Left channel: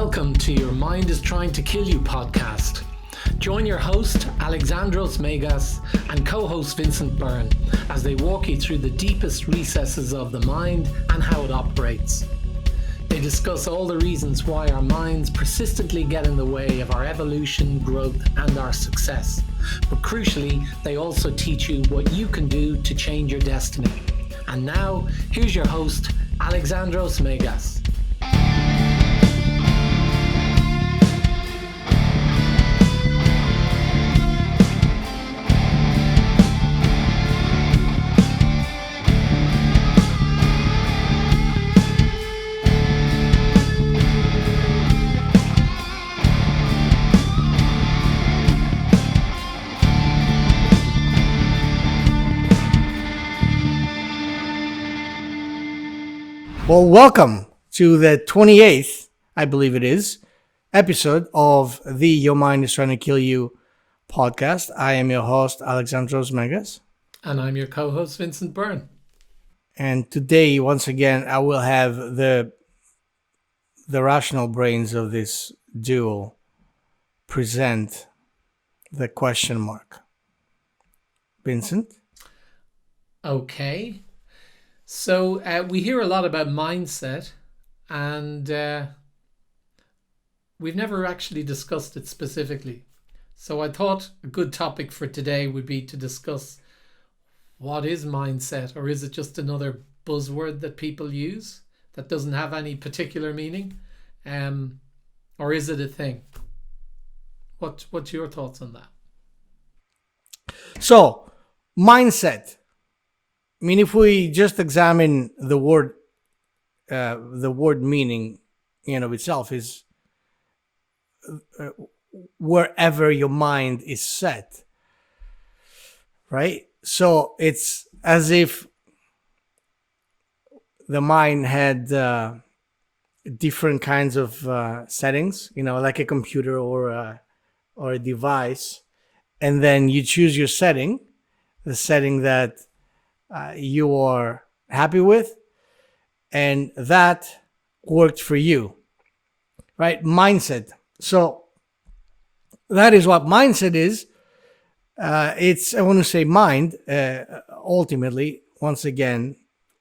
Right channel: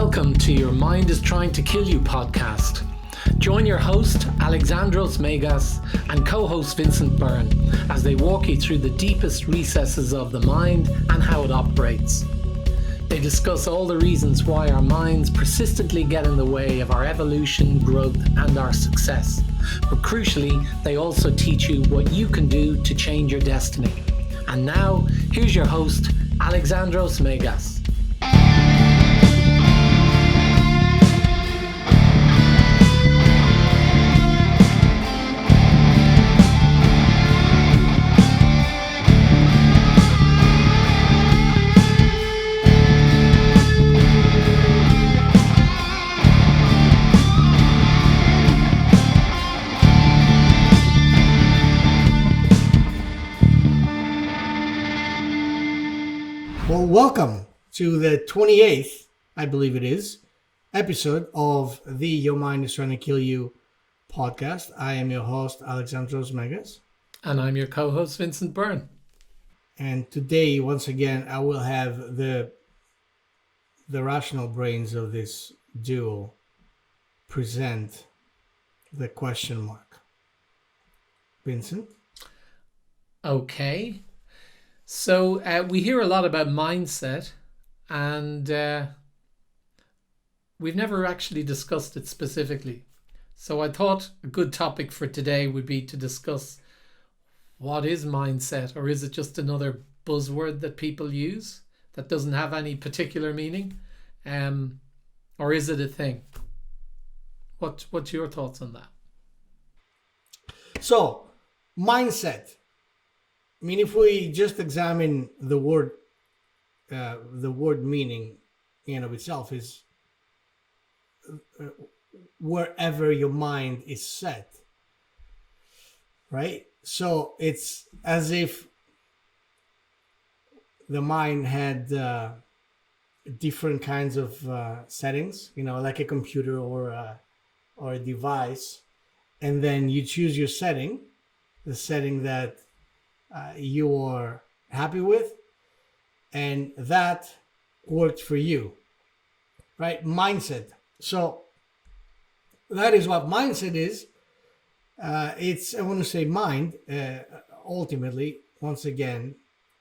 Welcome to Your Mind is Trying to Kill You podcast. Join your host, Alexandros and co-host Vincent Byrne as they walk you through the deepest recesses of the mind and how it operates. They discuss all the reasons why our minds persistently get in the way of our evolution, growth, and our success. But crucially, they also teach you what you can do to change your destiny. And now, here's your host, Alexandros. Well, welcome to the 28th, I believe it is, episode of the Your Mind is Trying to Kill You podcast. I am your host, Alexandros. And I'm your co-host, Vincent Byrne. And today, once again, I will have the rational brains of this duo present the question mark. Vincent? Okay. So we hear a lot about mindset, and we've never actually discussed it specifically. So I thought a good topic for today would be to discuss what is mindset, or is it just another buzzword that people use that doesn't have any particular meaning, or is it a thing? What's your thoughts on that? So, mindset. I mean, if we just examine the word meaning in and of itself is wherever your mind is set, right? So it's as if the mind had different kinds of settings, like a computer or a device, and then you choose your setting, the setting that you are happy with, and that worked for you, right? Mindset. So that is what mindset is. It's, I want to say, mind. Ultimately, once again,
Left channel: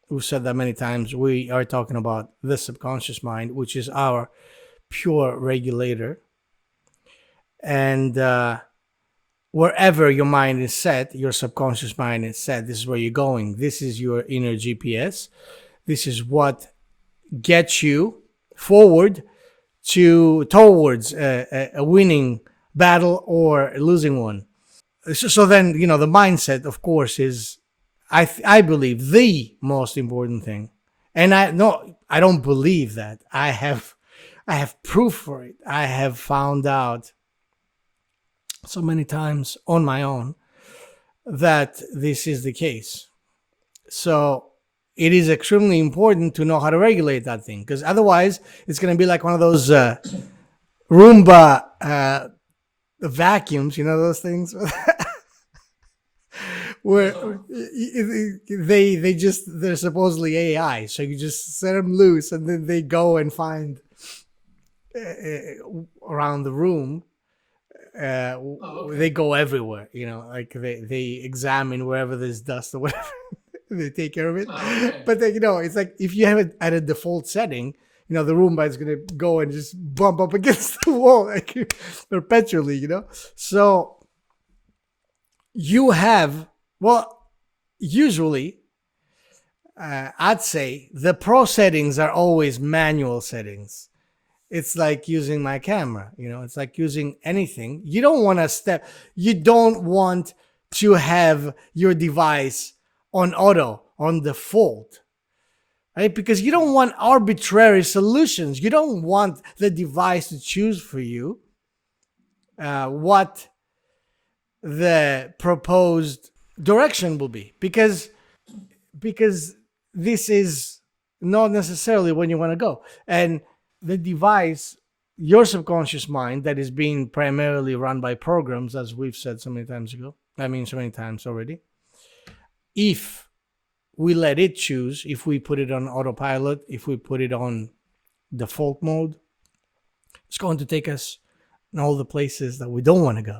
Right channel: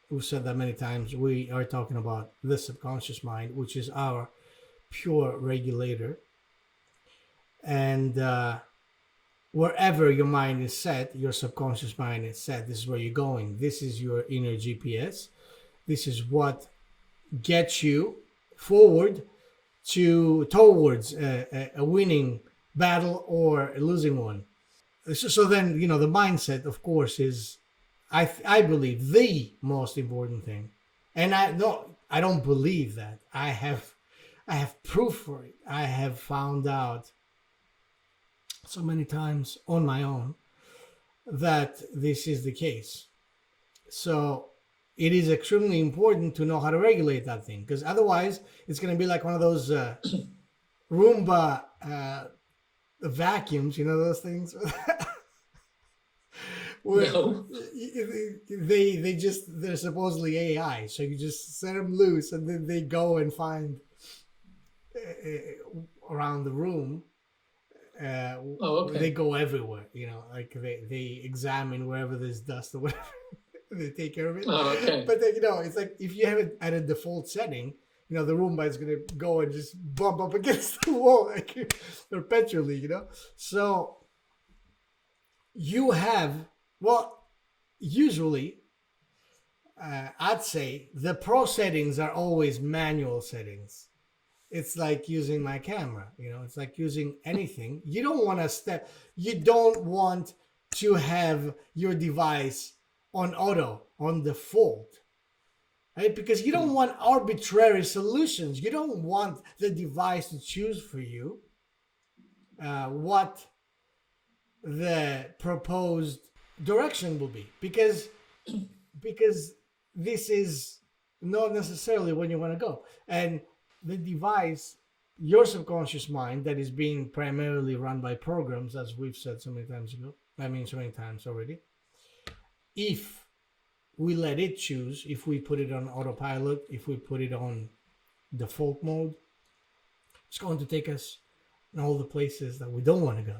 we've said that many times, we are talking about the subconscious mind, which is our pure regulator. And wherever your mind is set, your subconscious mind is set. This is where you're going. This is your inner GPS. This is what gets you forward towards a winning battle or a losing one. So then, the mindset, of course, is, I believe, the most important thing. And I don't believe that. I have proof for it. I have found out so many times on my own that this is the case. So it is extremely important to know how to regulate that thing, because otherwise it's going to be like one of those Roomba vacuums, those things where they're supposedly AI. So you just set them loose and then they go and find around the room. Okay. They go everywhere, like they examine wherever there's dust or whatever. They take care of it. Okay. But then, it's like if you have it at a default setting, the Roomba is going to go and just bump up against the wall like perpetually, So you have, usually, I'd say the pro settings are always manual settings. It's like using my camera, it's like using anything. You don't want to have your device on auto, on default, right? Because you don't want arbitrary solutions. You don't want the device to choose for you what the proposed direction will be, because this is not necessarily when you want to go. And the device, your subconscious mind, that is being primarily run by programs, as we've said so many times already, if we let it choose, if we put it on autopilot, if we put it on default mode, It's going to take us in all the places that we don't want to go,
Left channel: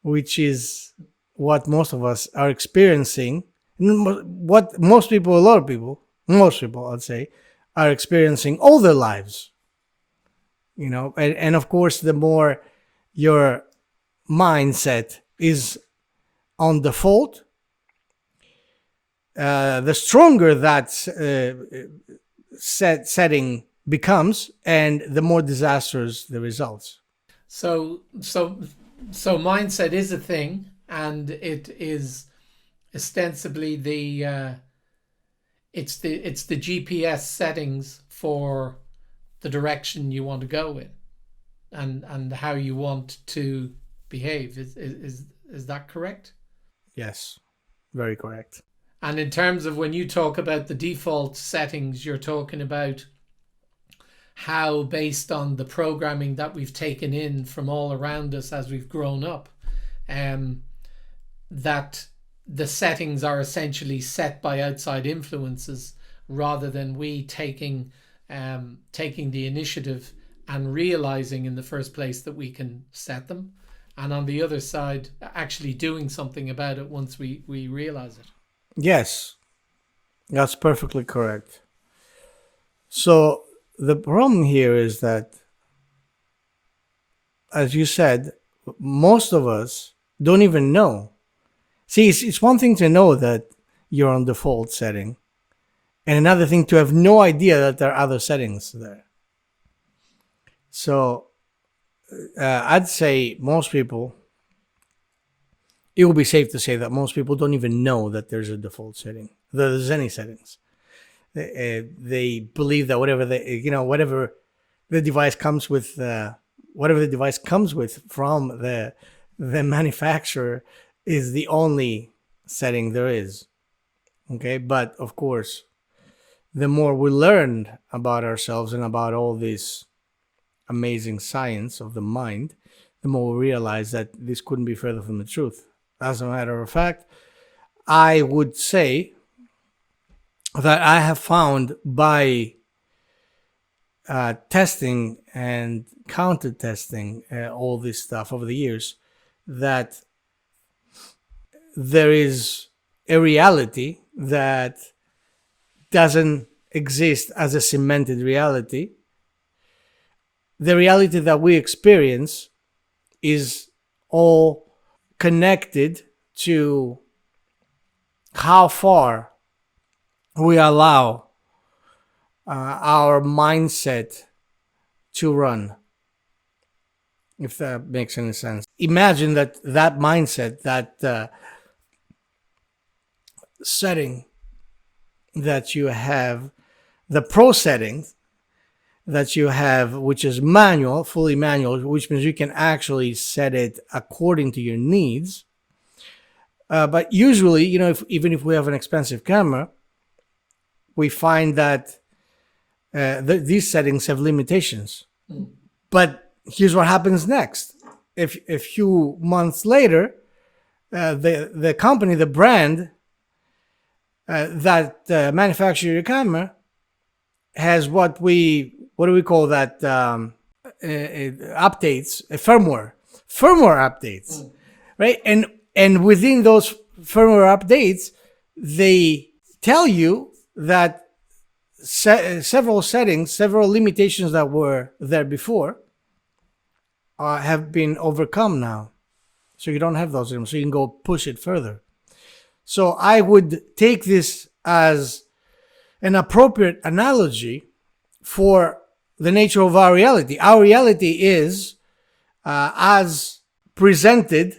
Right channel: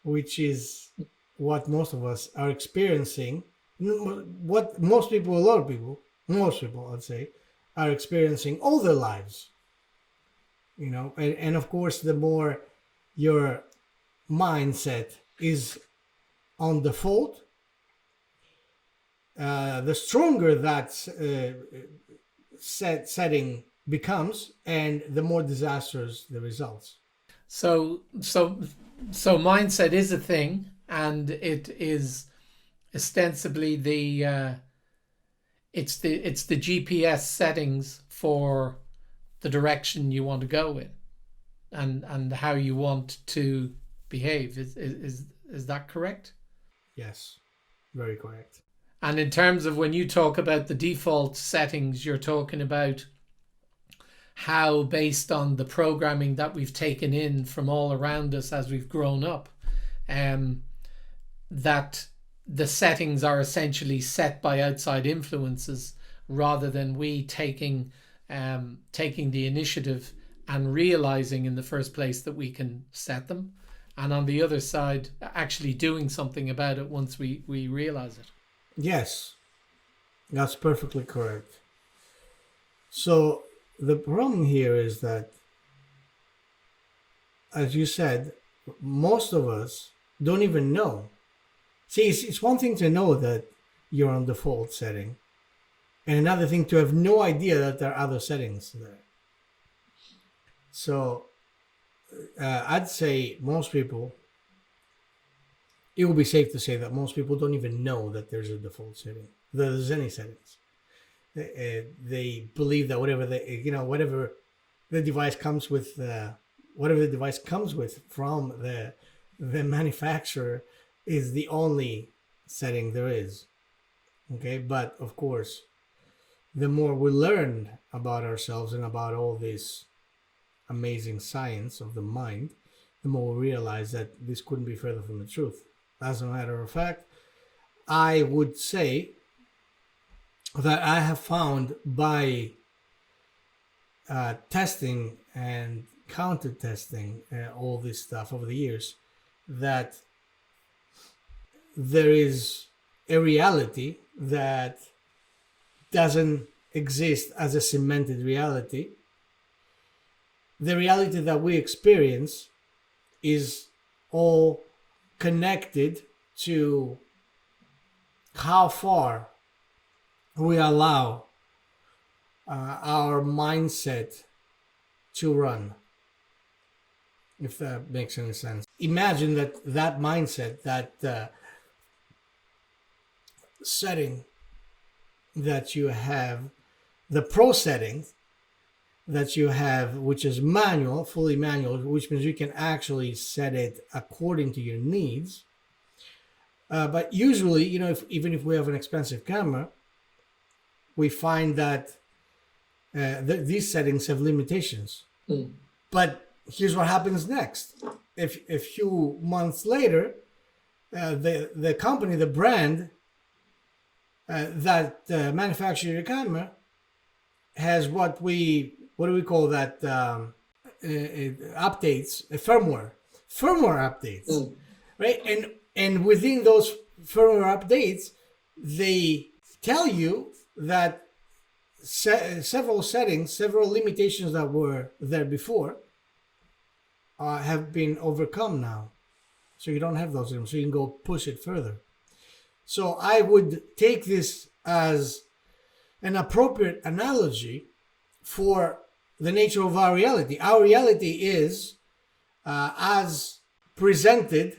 which is what most of us are experiencing. What most people, a lot of people, most people, I'd say, are experiencing all their lives. And of course, the more your mindset is on default, the stronger that setting becomes, and the more disastrous the results. So mindset is a thing, and it is ostensibly it's the GPS settings for the direction you want to go in, and how you want to behave. Is that correct? Yes, very correct. And in terms of when you talk about the default settings, you're talking about how, based on the programming that we've taken in from all around us as we've grown up, that the settings are essentially set by outside influences, rather than we taking the initiative and realizing in the first place that we can set them, and on the other side actually doing something about it once we realize it. Yes, that's perfectly correct. So the problem here is that, as you said, most of us don't even know. See, it's one thing to know that you're on default setting, and another thing to have no idea that there are other settings there. So I'd say most people, it would be safe to say that most people don't even know that there's a default setting, that there's any settings. They believe that whatever the device comes with, from the manufacturer is the only setting there is. Okay, but of course, the more we learn about ourselves and about all this amazing science of the mind, the more we realize that this couldn't be further from the truth. As a matter of fact, I would say that I have found by testing and counter testing all this stuff over the years, that there is a reality that doesn't exist as a cemented reality. The reality that we experience is all connected to how far we allow our mindset to run, if that makes any sense. Imagine that mindset, that setting that you have, the pro settings that you have, which is manual, fully manual, which means you can actually set it according to your needs. But usually, even if we have an expensive camera, we find that these settings have limitations. But here's what happens next. If a few months later, the company, the brand that manufactures your camera has what do we call that, updates, firmware updates, right? And within those firmware updates, they tell you that several limitations that were there before have been overcome now. So you don't have those anymore. So you can go push it further. So I would take this as an appropriate analogy for the nature of our reality. Our reality is as projected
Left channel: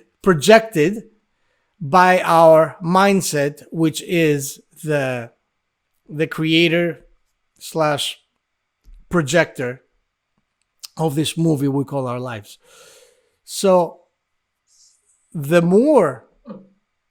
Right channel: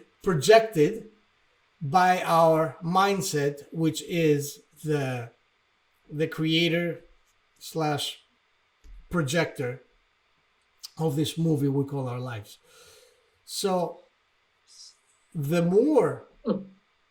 by our mindset, which is the creator / projector of this movie we call our lives. So the more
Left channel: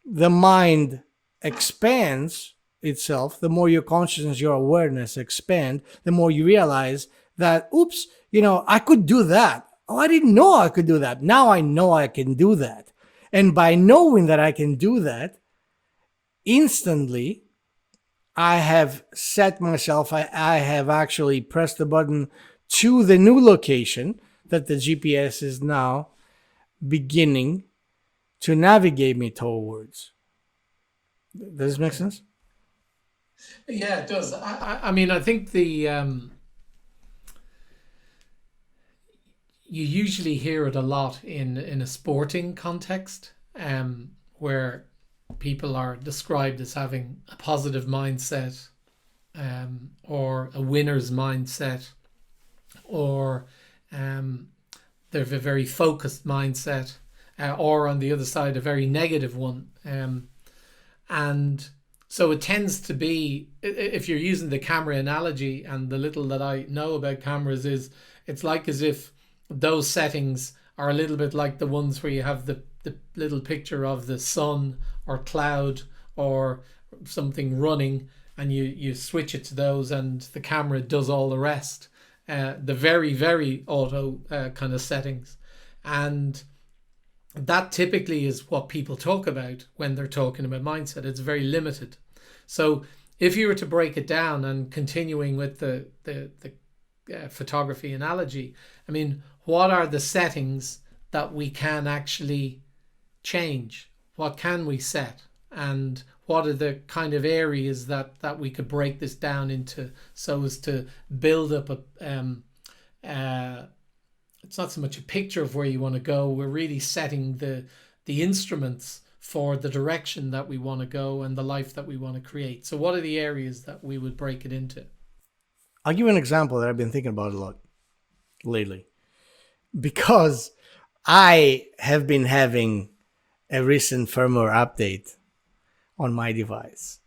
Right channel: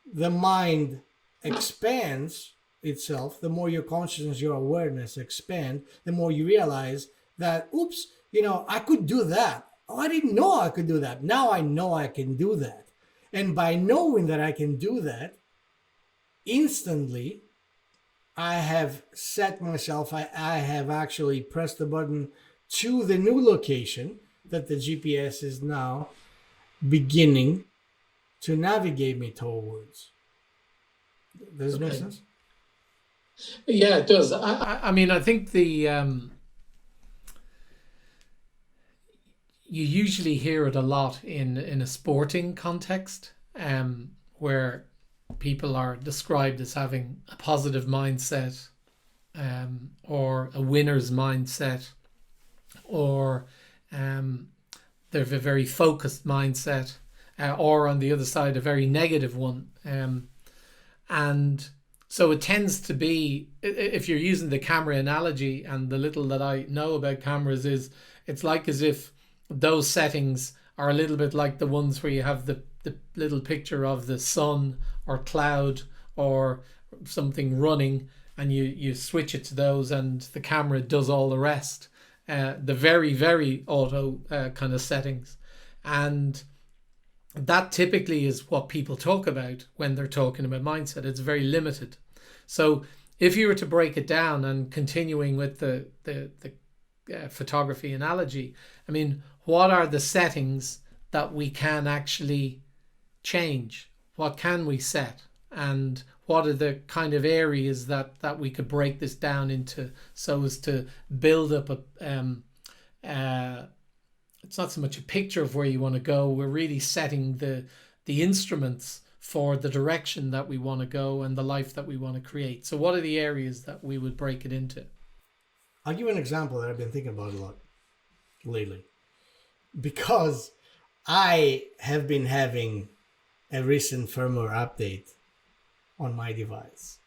the mind expands itself, the more your consciousness, your awareness expand, the more you realize that, oops, I could do that. Oh, I didn't know I could do that. Now I know I can do that. And by knowing that I can do that, instantly, I have set myself, I have actually pressed the button to the new location that the GPS is now beginning to navigate me towards. Does this make sense? Yeah, it does. I mean, I think you usually hear it a lot in a sporting context, where people are described as having a positive mindset, or a winner's mindset, or they have a very focused mindset, or on the other side, a very negative one. And so it tends to be, if you're using the camera analogy, and the little that I know about cameras is, it's like as if those settings are a little bit like the ones where you have the little picture of the sun or cloud or something running, and you switch it to those and the camera does all the rest. The very, very auto kind of settings. And that typically is what people talk about when they're talking about mindset. It's very limited. So if you were to break it down, and continuing with the photography analogy, I mean, what are the settings that we can actually change? What can we set? And what are the kind of areas that we could break this down into, so as to build up it's not so much a picture of where you want to go. We're really setting the instruments for the direction that we want to go and the life that we want to create. So what are the areas that we would break it into? I'll give you an example that I've been thinking about a lot lately, because I have been having a recent firmware update on my device.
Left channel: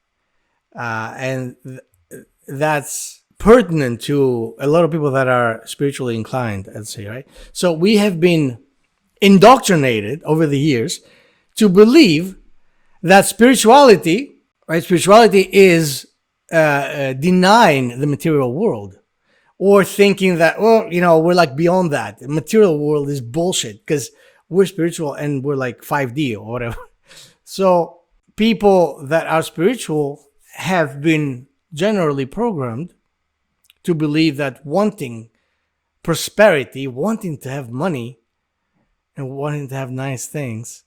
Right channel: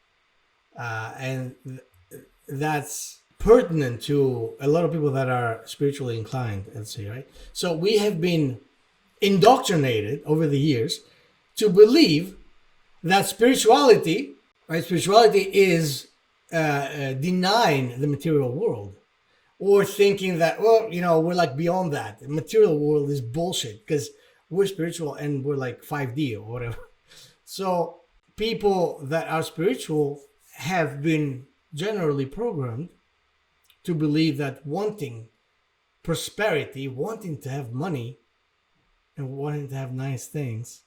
And that's pertinent to a lot of people that are spiritually inclined, I'd say, right? So we have been indoctrinated over the years to believe that spirituality, right? Spirituality is denying the material world, or thinking that, well, you know, we're like beyond that. The material world is bullshit because we're spiritual and we're like 5D or whatever. So people that are spiritual have been generally programmed to believe that wanting prosperity, wanting to have money, and wanting to have nice things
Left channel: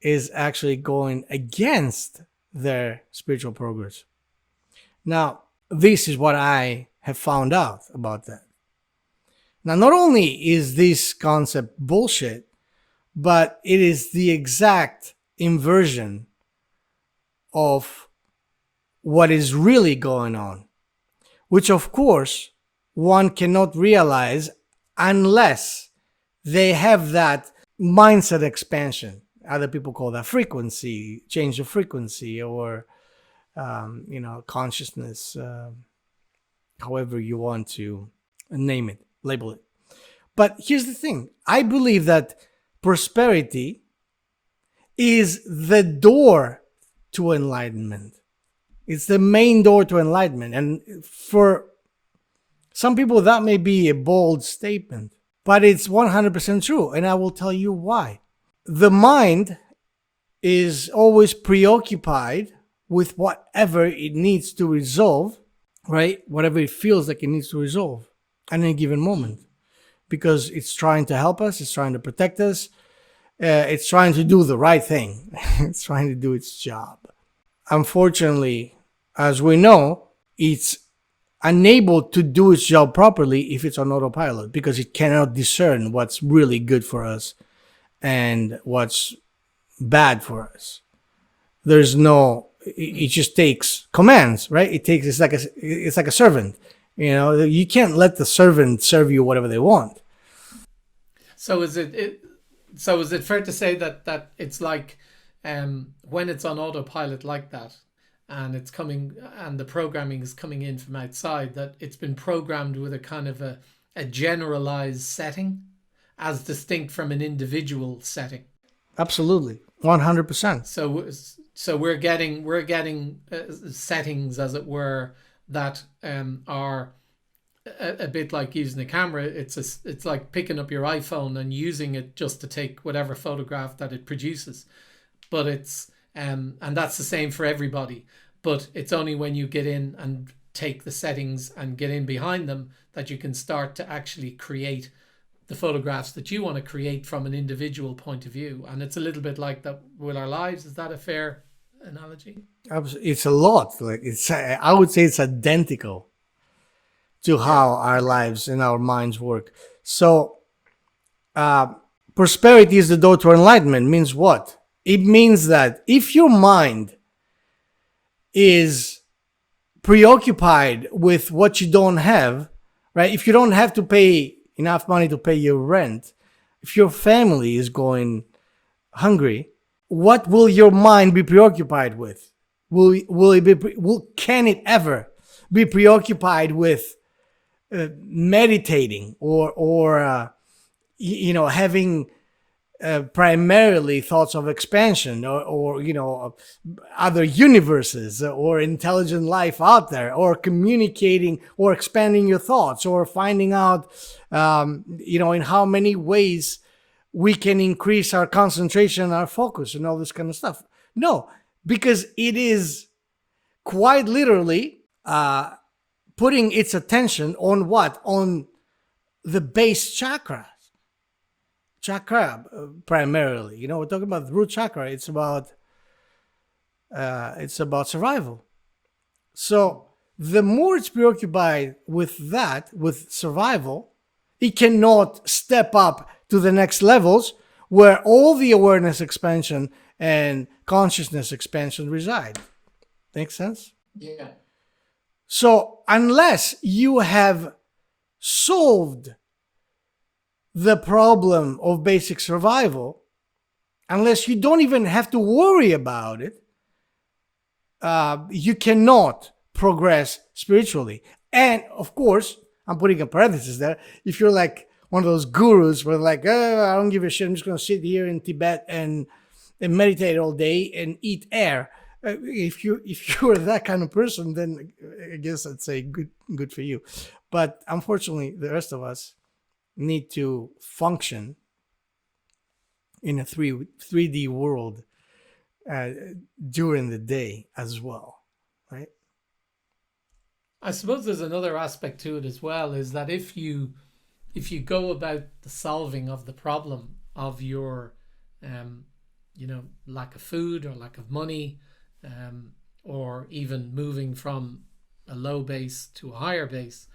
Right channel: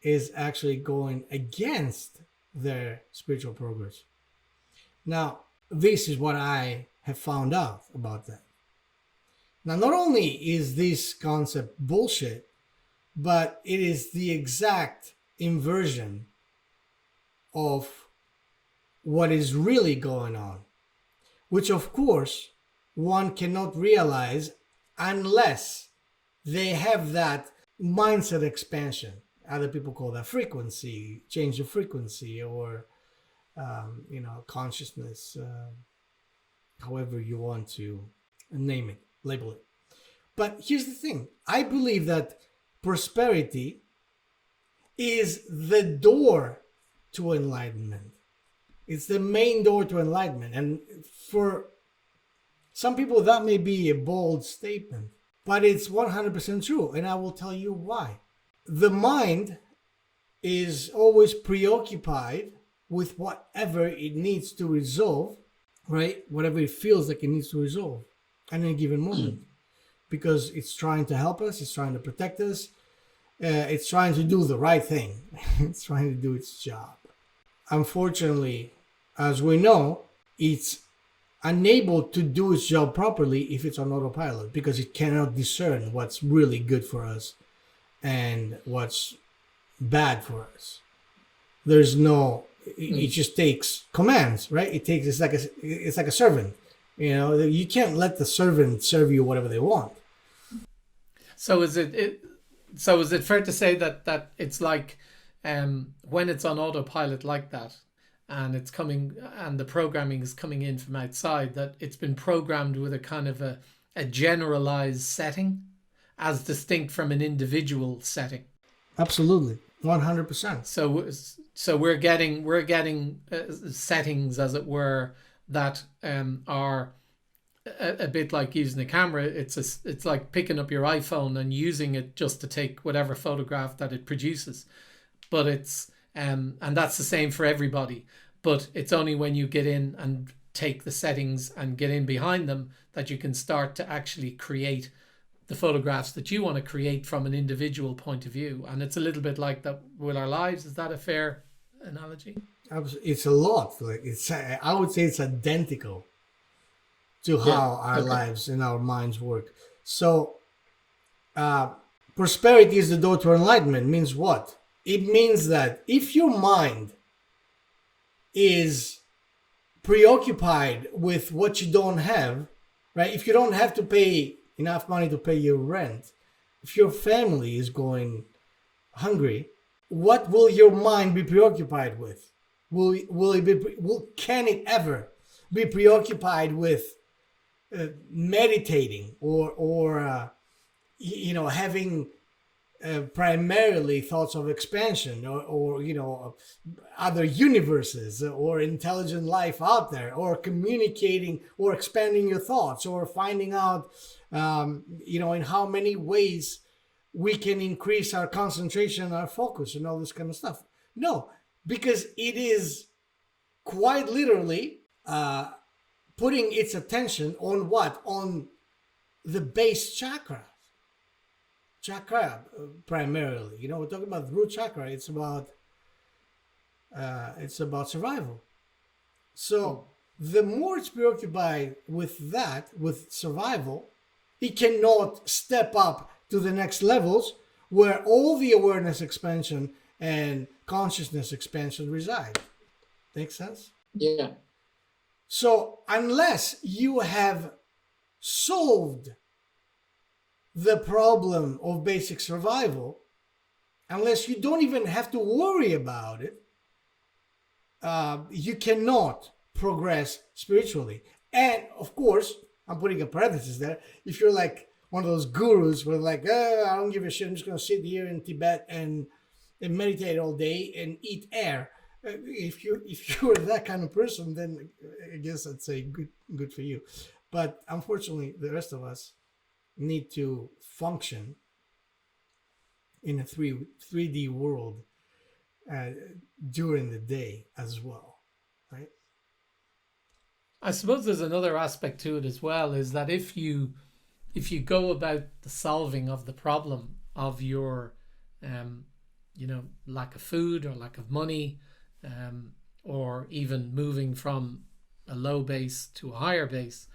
is actually going against their spiritual progress. Now, this is what I have found out about that. Now, not only is this concept bullshit, but it is the exact inversion of what is really going on, which of course one cannot realize unless they have that mindset expansion. Other people call that frequency, change of frequency, or consciousness, however you want to name it, label it. But here's the thing. I believe that prosperity is the door to enlightenment. It's the main door to enlightenment. And for some people, that may be a bold statement, but it's 100% true. And I will tell you why. The mind is always preoccupied with whatever it needs to resolve, right? Whatever it feels like it needs to resolve at any given moment, because it's trying to help us, it's trying to protect us, it's trying to do the right thing, it's trying to do its job. Unfortunately, as we know, it's unable to do its job properly if it's on autopilot, because it cannot discern what's really good for us and what's bad for us. There's no, it just takes commands, right? It's like a servant. You know, you can't let the servant serve you whatever they want. So is it fair to say that it's like, when it's on autopilot like that, and it's coming, and the programming is coming in from outside, that it's been programmed with a kind of a generalized setting, as distinct from an individual setting? Absolutely, 100%. So we're getting settings, as it were, that are a bit like using a camera. It's like picking up your iPhone and using it just to take whatever photograph that it produces. But it's and that's the same for everybody. But it's only when you get in and take the settings and get in behind them that you can start to actually create the photographs that you want to create from an individual point of view. And it's a little bit like that with our lives. Is that a fair analogy? It's a lot. Like I would say it's identical to how our lives and our minds work. So, prosperity is the door to enlightenment means what? It means that if your mind is preoccupied with what you don't have, right? If you don't have to pay enough money to pay your rent, if your family is going hungry, what will your mind be preoccupied with? Can it ever be preoccupied with meditating or having primarily thoughts of expansion or other universes or intelligent life out there, or communicating or expanding your thoughts, or finding out in how many ways we can increase our concentration and our focus and all this kind of stuff? No, because it is quite literally putting its attention on what? On the base chakra primarily. We're talking about the root chakra. It's about survival. So the more it's preoccupied with that, with survival, it cannot step up to the next levels where all the awareness expansion and consciousness expansion reside. Make sense? Yeah. So unless you have solved the problem of basic survival, unless you don't even have to worry about it, you cannot progress spiritually. And of course, I'm putting a parenthesis there, if you're like one of those gurus where like, oh, I don't give a shit, I'm just going to sit here in Tibet and meditate all day and eat air. If you're that kind of person, then I guess I'd say good for you. But unfortunately, the rest of us need to function in a 3D world during the day as well, right? I suppose there's another aspect to it as well, is that if you go about the solving of the problem of your lack of food or lack of money, or even moving from a low base to a higher base,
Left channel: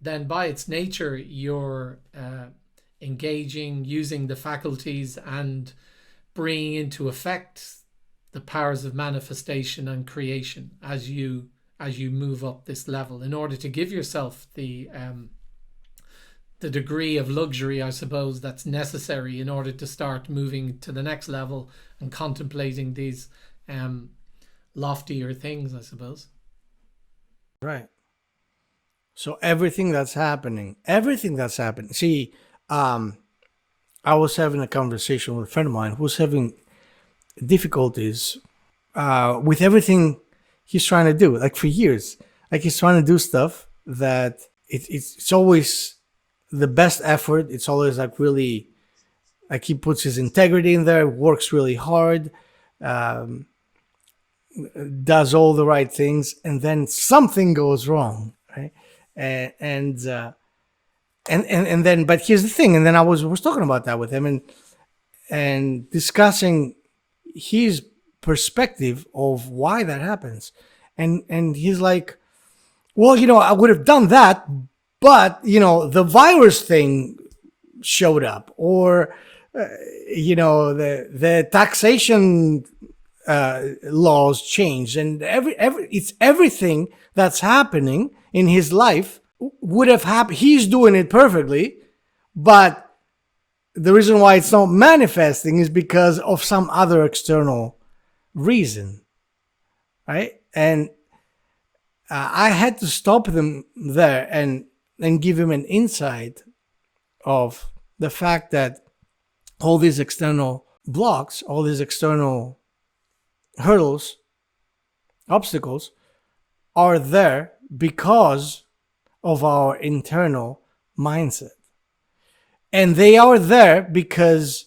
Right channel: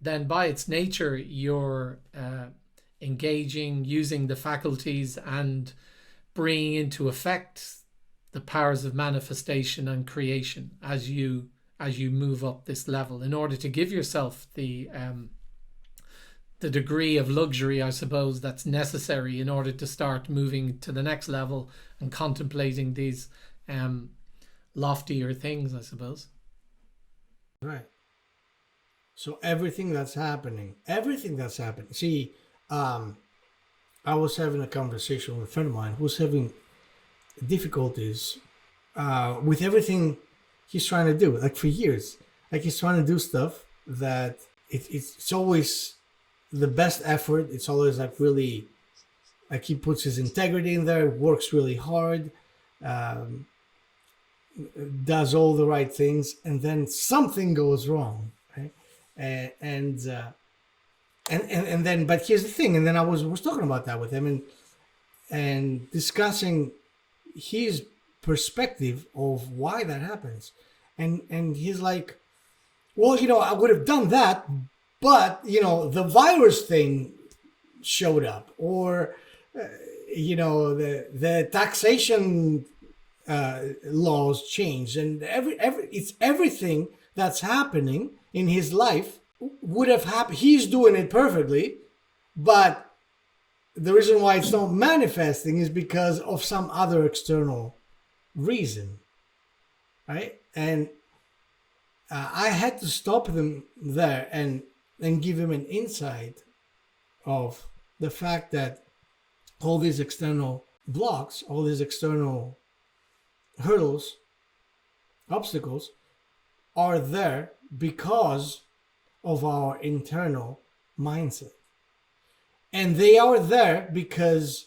then by its nature you're engaging, using the faculties and bringing into effect the powers of manifestation and creation as you move up this level, in order to give yourself the degree of luxury, I suppose, that's necessary in order to start moving to the next level and contemplating these loftier things, I suppose. Right. So everything that's happening. See, I was having a conversation with a friend of mine who's having difficulties with everything he's trying to do, like for years. Like he's trying to do stuff that it's always the best effort. It's always like really, like he puts his integrity in there, works really hard, does all the right things, and then something goes wrong, right? And then, but here's the thing. And then I was talking about that with him and discussing his perspective of why that happens. And he's like, well, I would have done that, but the virus thing showed up, or the taxation laws changed, and it's everything that's happening in his life would have happened. He's doing it perfectly, but the reason why it's not manifesting is because of some other external reason, right? And I had to stop them there and give him an insight of the fact that all these external blocks, all these external hurdles, obstacles are there because of our internal mindset. And they are there because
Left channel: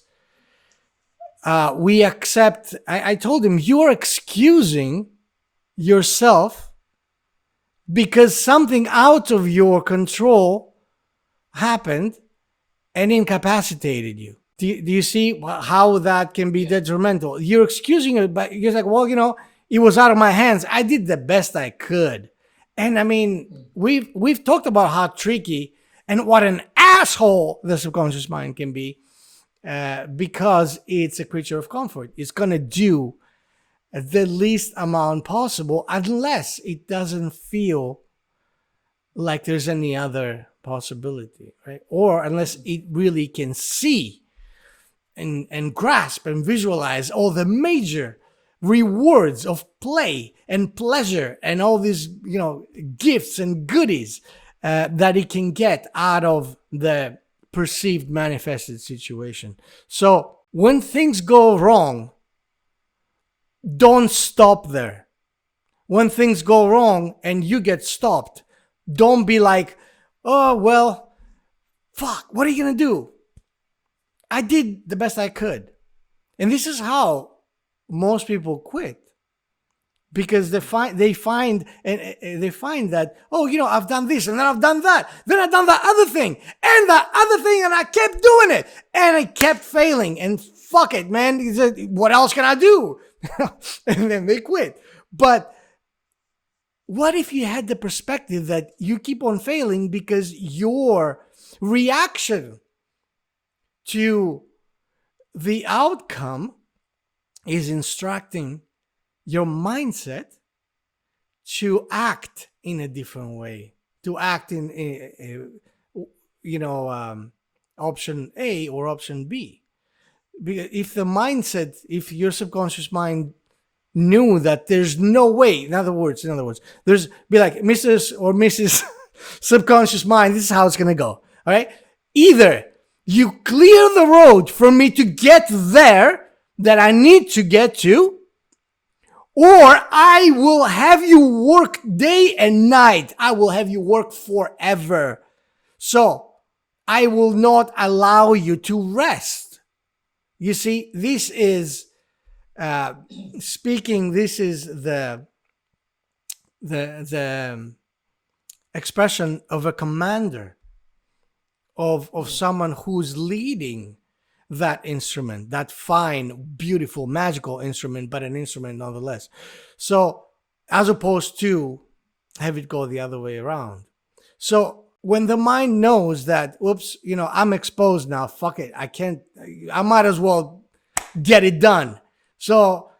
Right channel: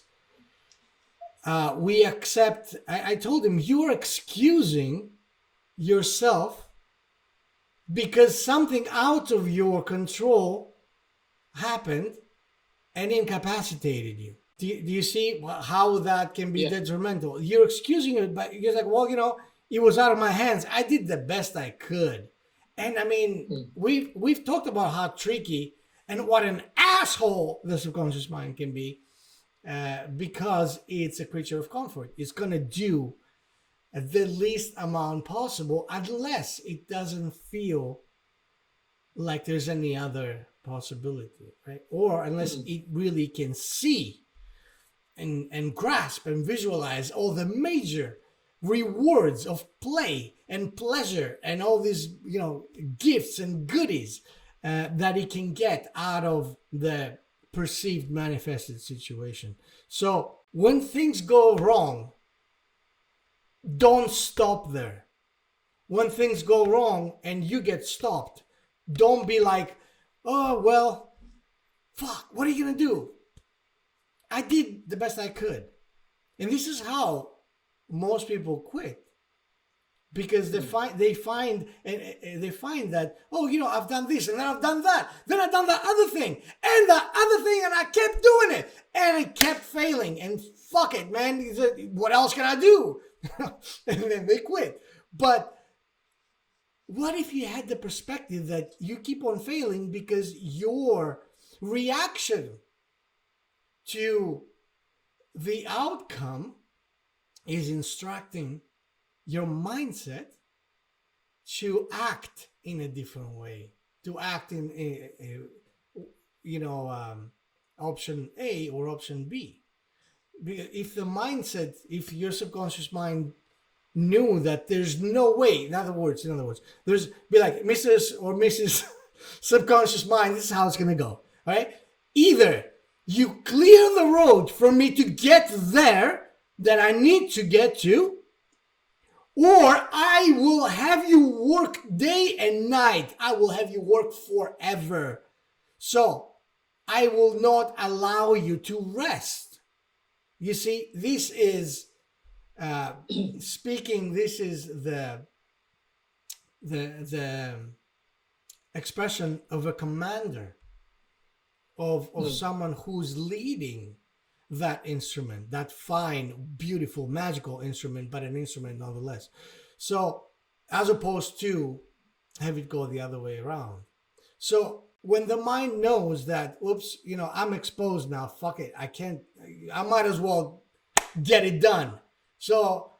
we accept. I told him, you are excusing yourself because something out of your control happened, and incapacitated you. Do you see how that can be detrimental? You're excusing it, but you're like, well, it was out of my hands. I did the best I could. And I mean, we've talked about how tricky and what an asshole the subconscious mind can be, because it's a creature of comfort. It's gonna do the least amount possible unless it doesn't feel like there's any other possibility, right? Or unless it really can see and grasp and visualize all the major rewards of play and pleasure and all these gifts and goodies that it can get out of the perceived manifested situation. So when things go wrong, don't stop there. When things go wrong and you get stopped, don't be like, oh, well, fuck, what are you going to do? I did the best I could. And this is how most people quit. Because they find that, oh, I've done this and then I've done that. Then I've done that other thing and that other thing, and I kept doing it. And I kept failing. And fuck it, man. What else can I do? And then they quit. But what if you had the perspective that you keep on failing because your reaction to the outcome is instructing your mindset to act in a different way, to act in option A or option B? Because if your subconscious mind knew that there's no way, in other words, there's be like, Mr. or Mrs. subconscious mind, this is how it's gonna go. All right, either you clear the road for me to get there that I need to get to, or I will have you work day and night. I will have you work forever. So I will not allow you to rest. You see, this is this is the expression of a commander, of someone who's leading that instrument, that fine, beautiful, magical instrument, but an instrument nonetheless. So as opposed to have it go the other way around. So when the mind knows that, whoops, I'm exposed now, fuck it, I might as well get it done. So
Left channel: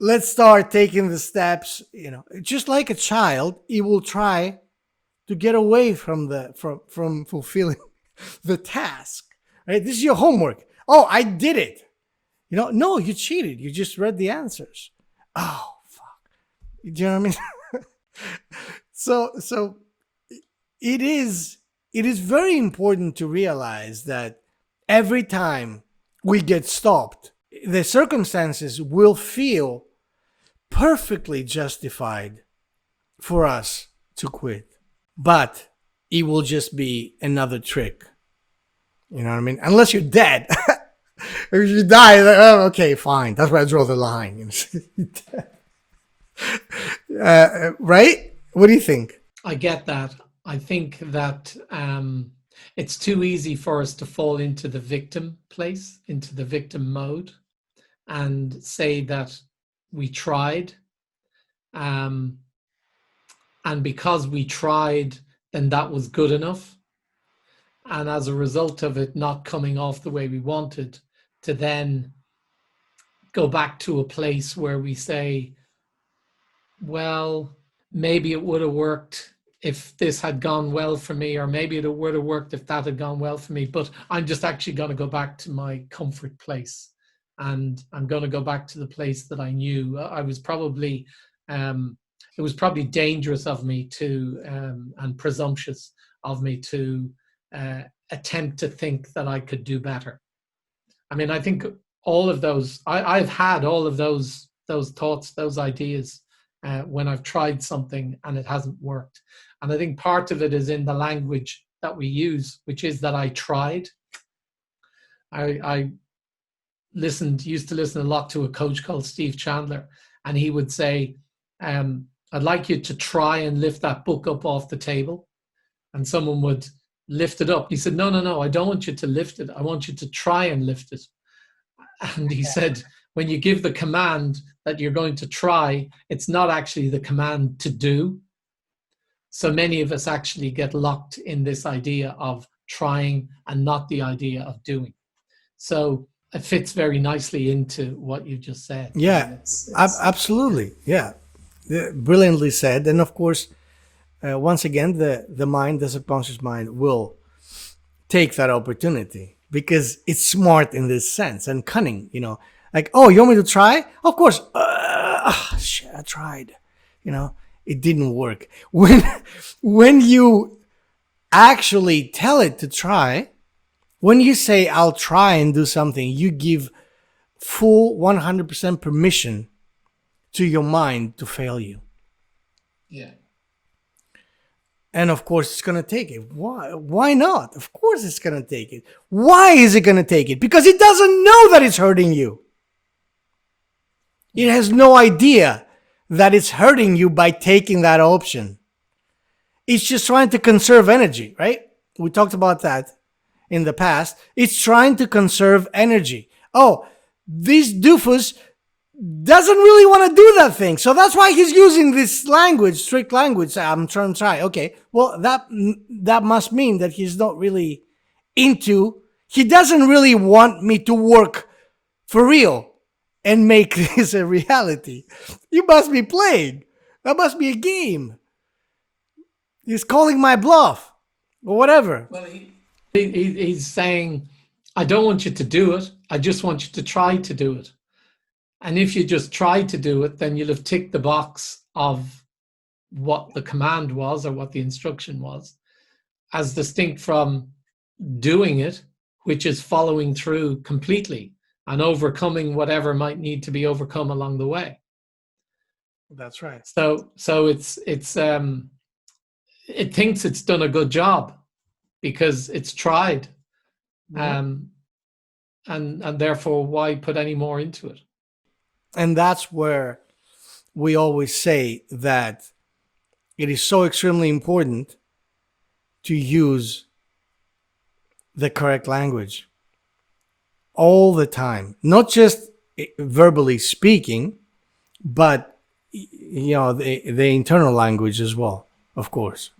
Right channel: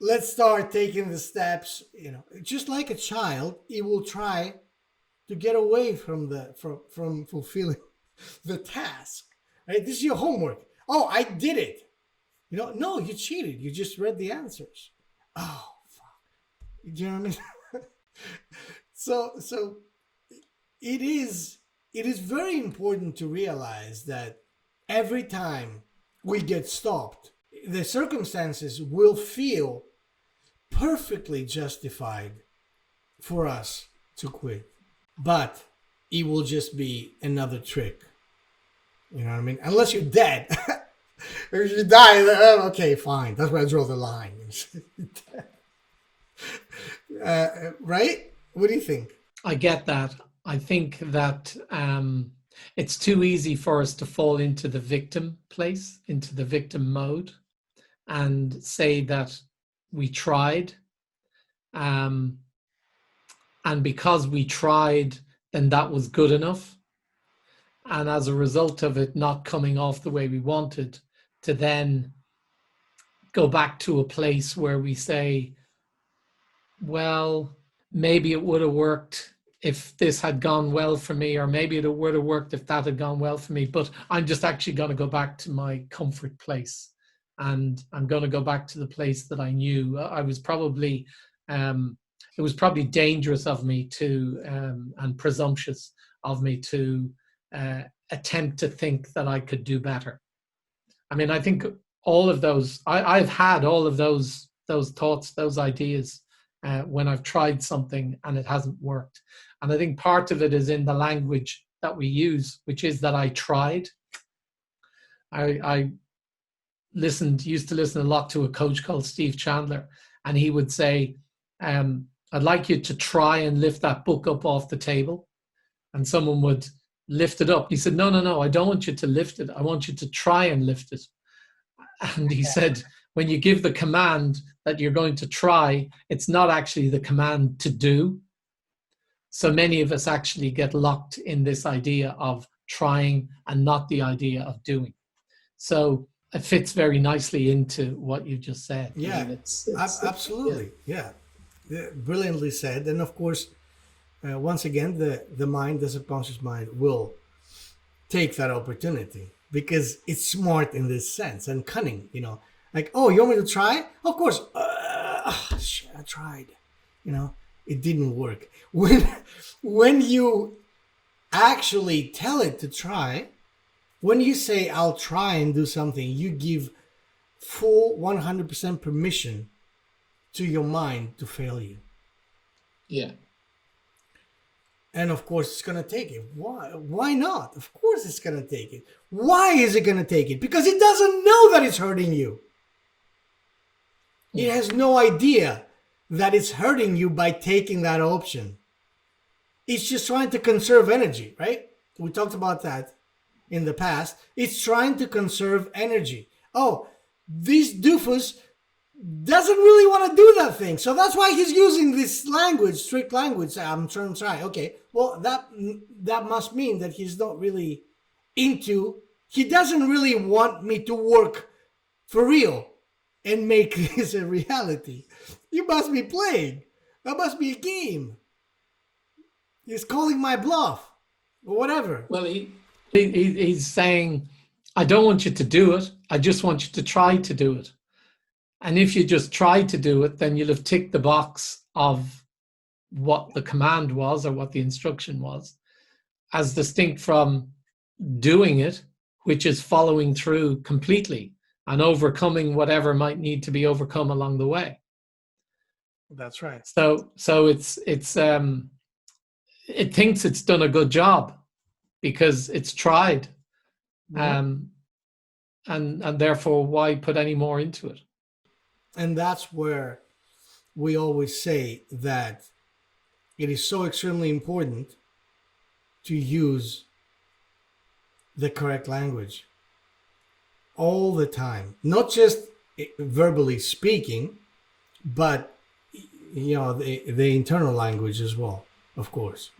let's start taking the steps, just like a child, it will try to get away from fulfilling the task, right? This is your homework. Oh, I did it. No, you cheated. You just read the answers. Oh, fuck. Do you know what I mean? So it is very important to realize that every time we get stopped, the circumstances will feel perfectly justified for us to quit. But it will just be another trick. You know what I mean? Unless you're dead. If you die, okay, fine. That's where I draw the line. Right? What do you think? I get that. I think that it's too easy for us to fall into the victim place, into the victim mode, and say that we tried. And because we tried, then that was good enough. And as a result of it not coming off the way we wanted, to then go back to a place where we say, well, maybe it would have worked if this had gone well for me, or maybe it would have worked if that had gone well for me, but I'm just actually going to go back to my comfort place. And I'm going to go back to the place that I knew. I was probably, it was probably dangerous of me to, and presumptuous of me to attempt to think that I could do better. I mean, I think all of those, I've had all of those thoughts, those ideas when I've tried something and it hasn't worked. And I think part of it is in the language that we use, which is that I tried. I used to listen a lot to a coach called Steve Chandler, and he would say, I'd like you to try and lift that book up off the table. And someone would lift it up. He said, no, I don't want you to lift it. I want you to try and lift it. And he said, when you give the command that you're going to try, it's not actually the command to do. So many of us actually get locked in this idea of trying and not the idea of doing. So it fits very nicely into what you just said. Yeah, I mean, absolutely. Yeah. Brilliantly said. And of course, once again, the mind, the subconscious mind, will take that opportunity because it's smart in this sense and cunning, like, oh, you want me to try? Of course. Shit, I tried. It didn't work. When you actually tell it to try, when you say, I'll try and do something, you give full 100% permission to your mind to fail you. Yeah. And of course, it's going to take it. Why? Why not? Of course, it's going to take it. Why is it going to take it? Because it doesn't know that it's hurting you. It has no idea that it's hurting you by taking that option. It's just trying to conserve energy, right? We talked about that in the past. It's trying to conserve energy. Oh, this doofus doesn't really want to do that thing. So that's why he's using this language, strict language. I'm trying to try. Okay, well, that must mean that he's not really he doesn't really want me to work for real and make this a reality. You must be playing. That must be a game. He's calling my bluff or whatever. Well, he's saying, I don't want you to do it. I just want you to try to do it. And if you just try to do it, then you'll have ticked the box of what the command was or what the instruction was, as distinct from doing it, which is following through completely and overcoming whatever might need to be overcome along the way. That's right. So it thinks it's done a good job because it's tried, and therefore why put any more into it? And that's where we always say that it is so extremely important to use the correct language all the time, not just verbally speaking, but the internal language as well, of course.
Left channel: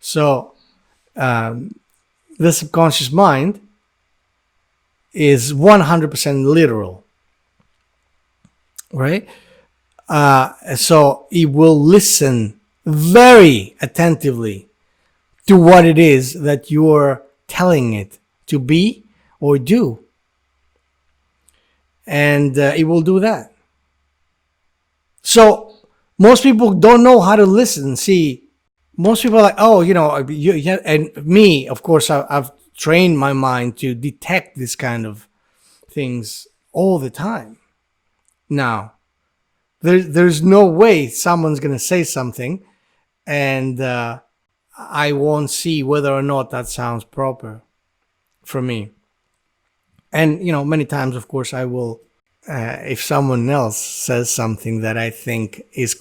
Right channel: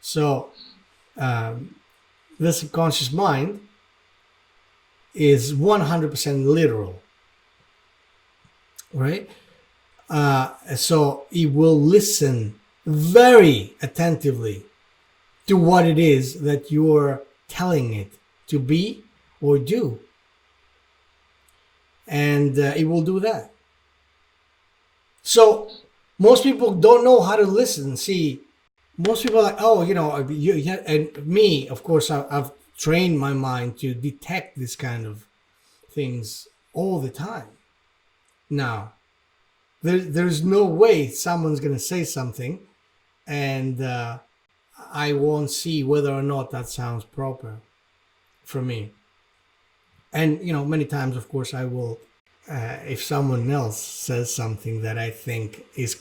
So the subconscious mind is 100% literal, right? So it will listen very attentively to what it is that you're telling it to be or do. And it will do that. So most people don't know how to listen. See, most people are like, oh, and me, of course, I've trained my mind to detect this kind of things all the time. Now, there's no way someone's going to say something and I won't see whether or not that sounds proper for me. And, many times, of course, I will, if someone else says something that I think is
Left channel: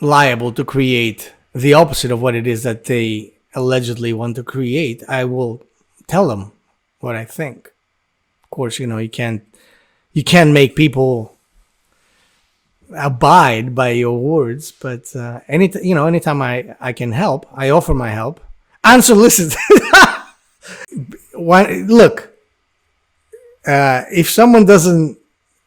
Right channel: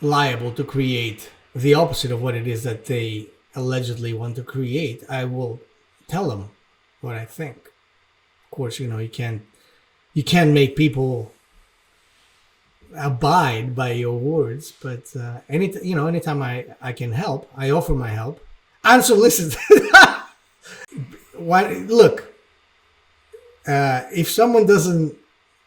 liable to create the opposite of what it is that they allegedly want to create, I will tell them what I think. Of course, you can't make people abide by your words, but anytime I can help, I offer my help. Unsolicited. Look, if someone doesn't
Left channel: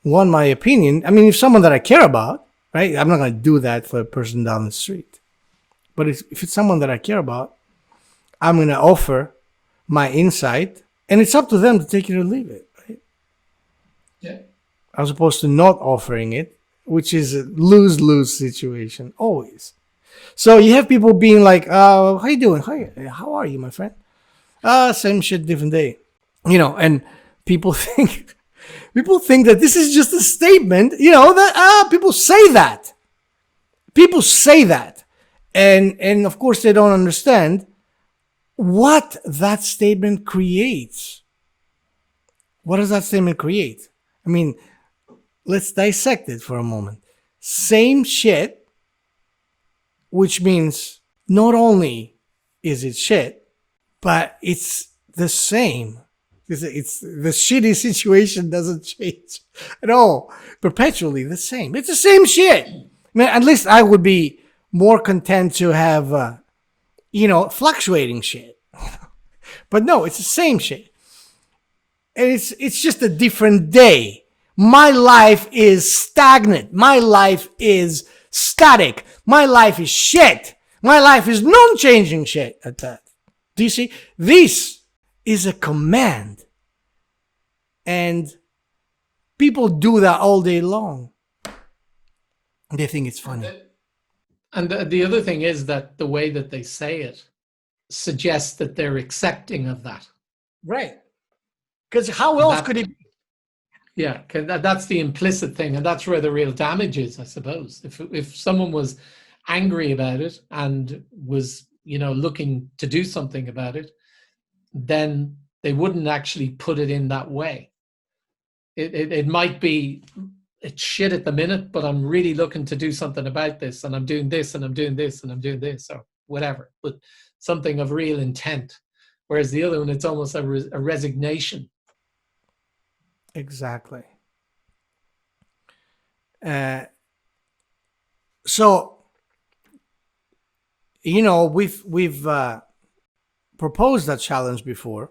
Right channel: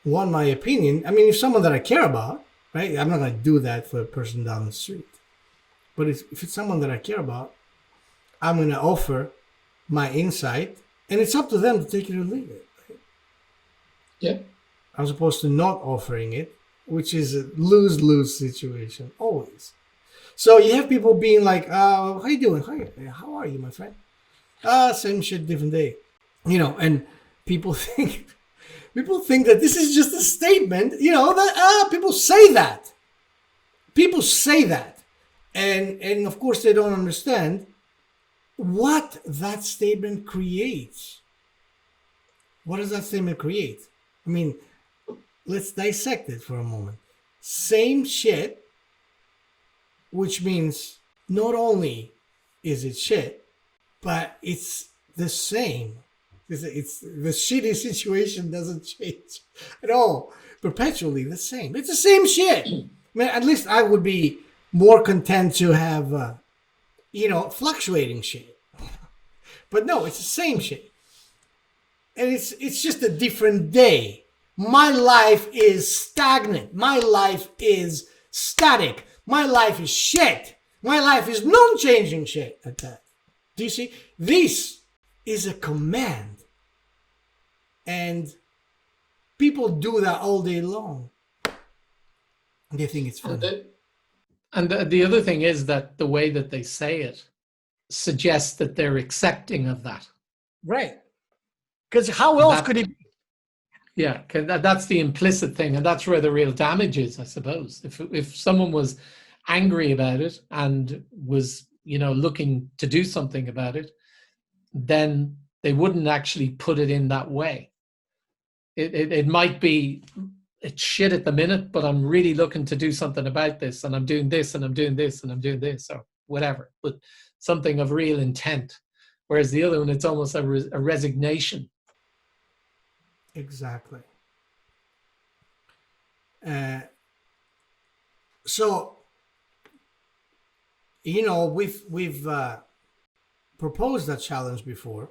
want my opinion, if someone that I care about, right? I'm not going to do that for a person down the street. But if it's someone that I care about, I'm going to offer my insight, and it's up to them to take it or leave it, right? Yeah. As opposed to not offering it, which is a lose-lose situation, always. So you have people being like, how you doing? How are you, my friend? Same shit, different day. And people think that this is just a statement, that people say that. People say that. And of course they don't understand what that statement creates. What does that statement create? Let's dissect it for a moment. Same shit, which means not only is it shit, but it's the same. It's the shitty situation doesn't change at all. Perpetually the same. It's the same shit. Man, at least I would be more content to have, fluctuating shit. But no, it's the same shit. And it's just a different day. My life is stagnant. My life is static. My life is shit. My life is non-changing shit at that. Do you see? This is a command. And people do that all day long. They think it's funny. And the other thing is that the way that they say it suggests that they're accepting of that. Right. Because how else could it be? Yeah, that's the implicit thing. And that's where the real damage is, I suppose. If someone was angry about it and was, looking to do something about it, then they wouldn't actually put it in that way. It might be, it's shit at the minute, but I'm really looking to do something about this, and I'm doing this, and I'm doing this, and I'm doing this, or whatever, but something of real intent. Whereas the other one, it's almost a resignation. Exactly. So, we've proposed that challenge before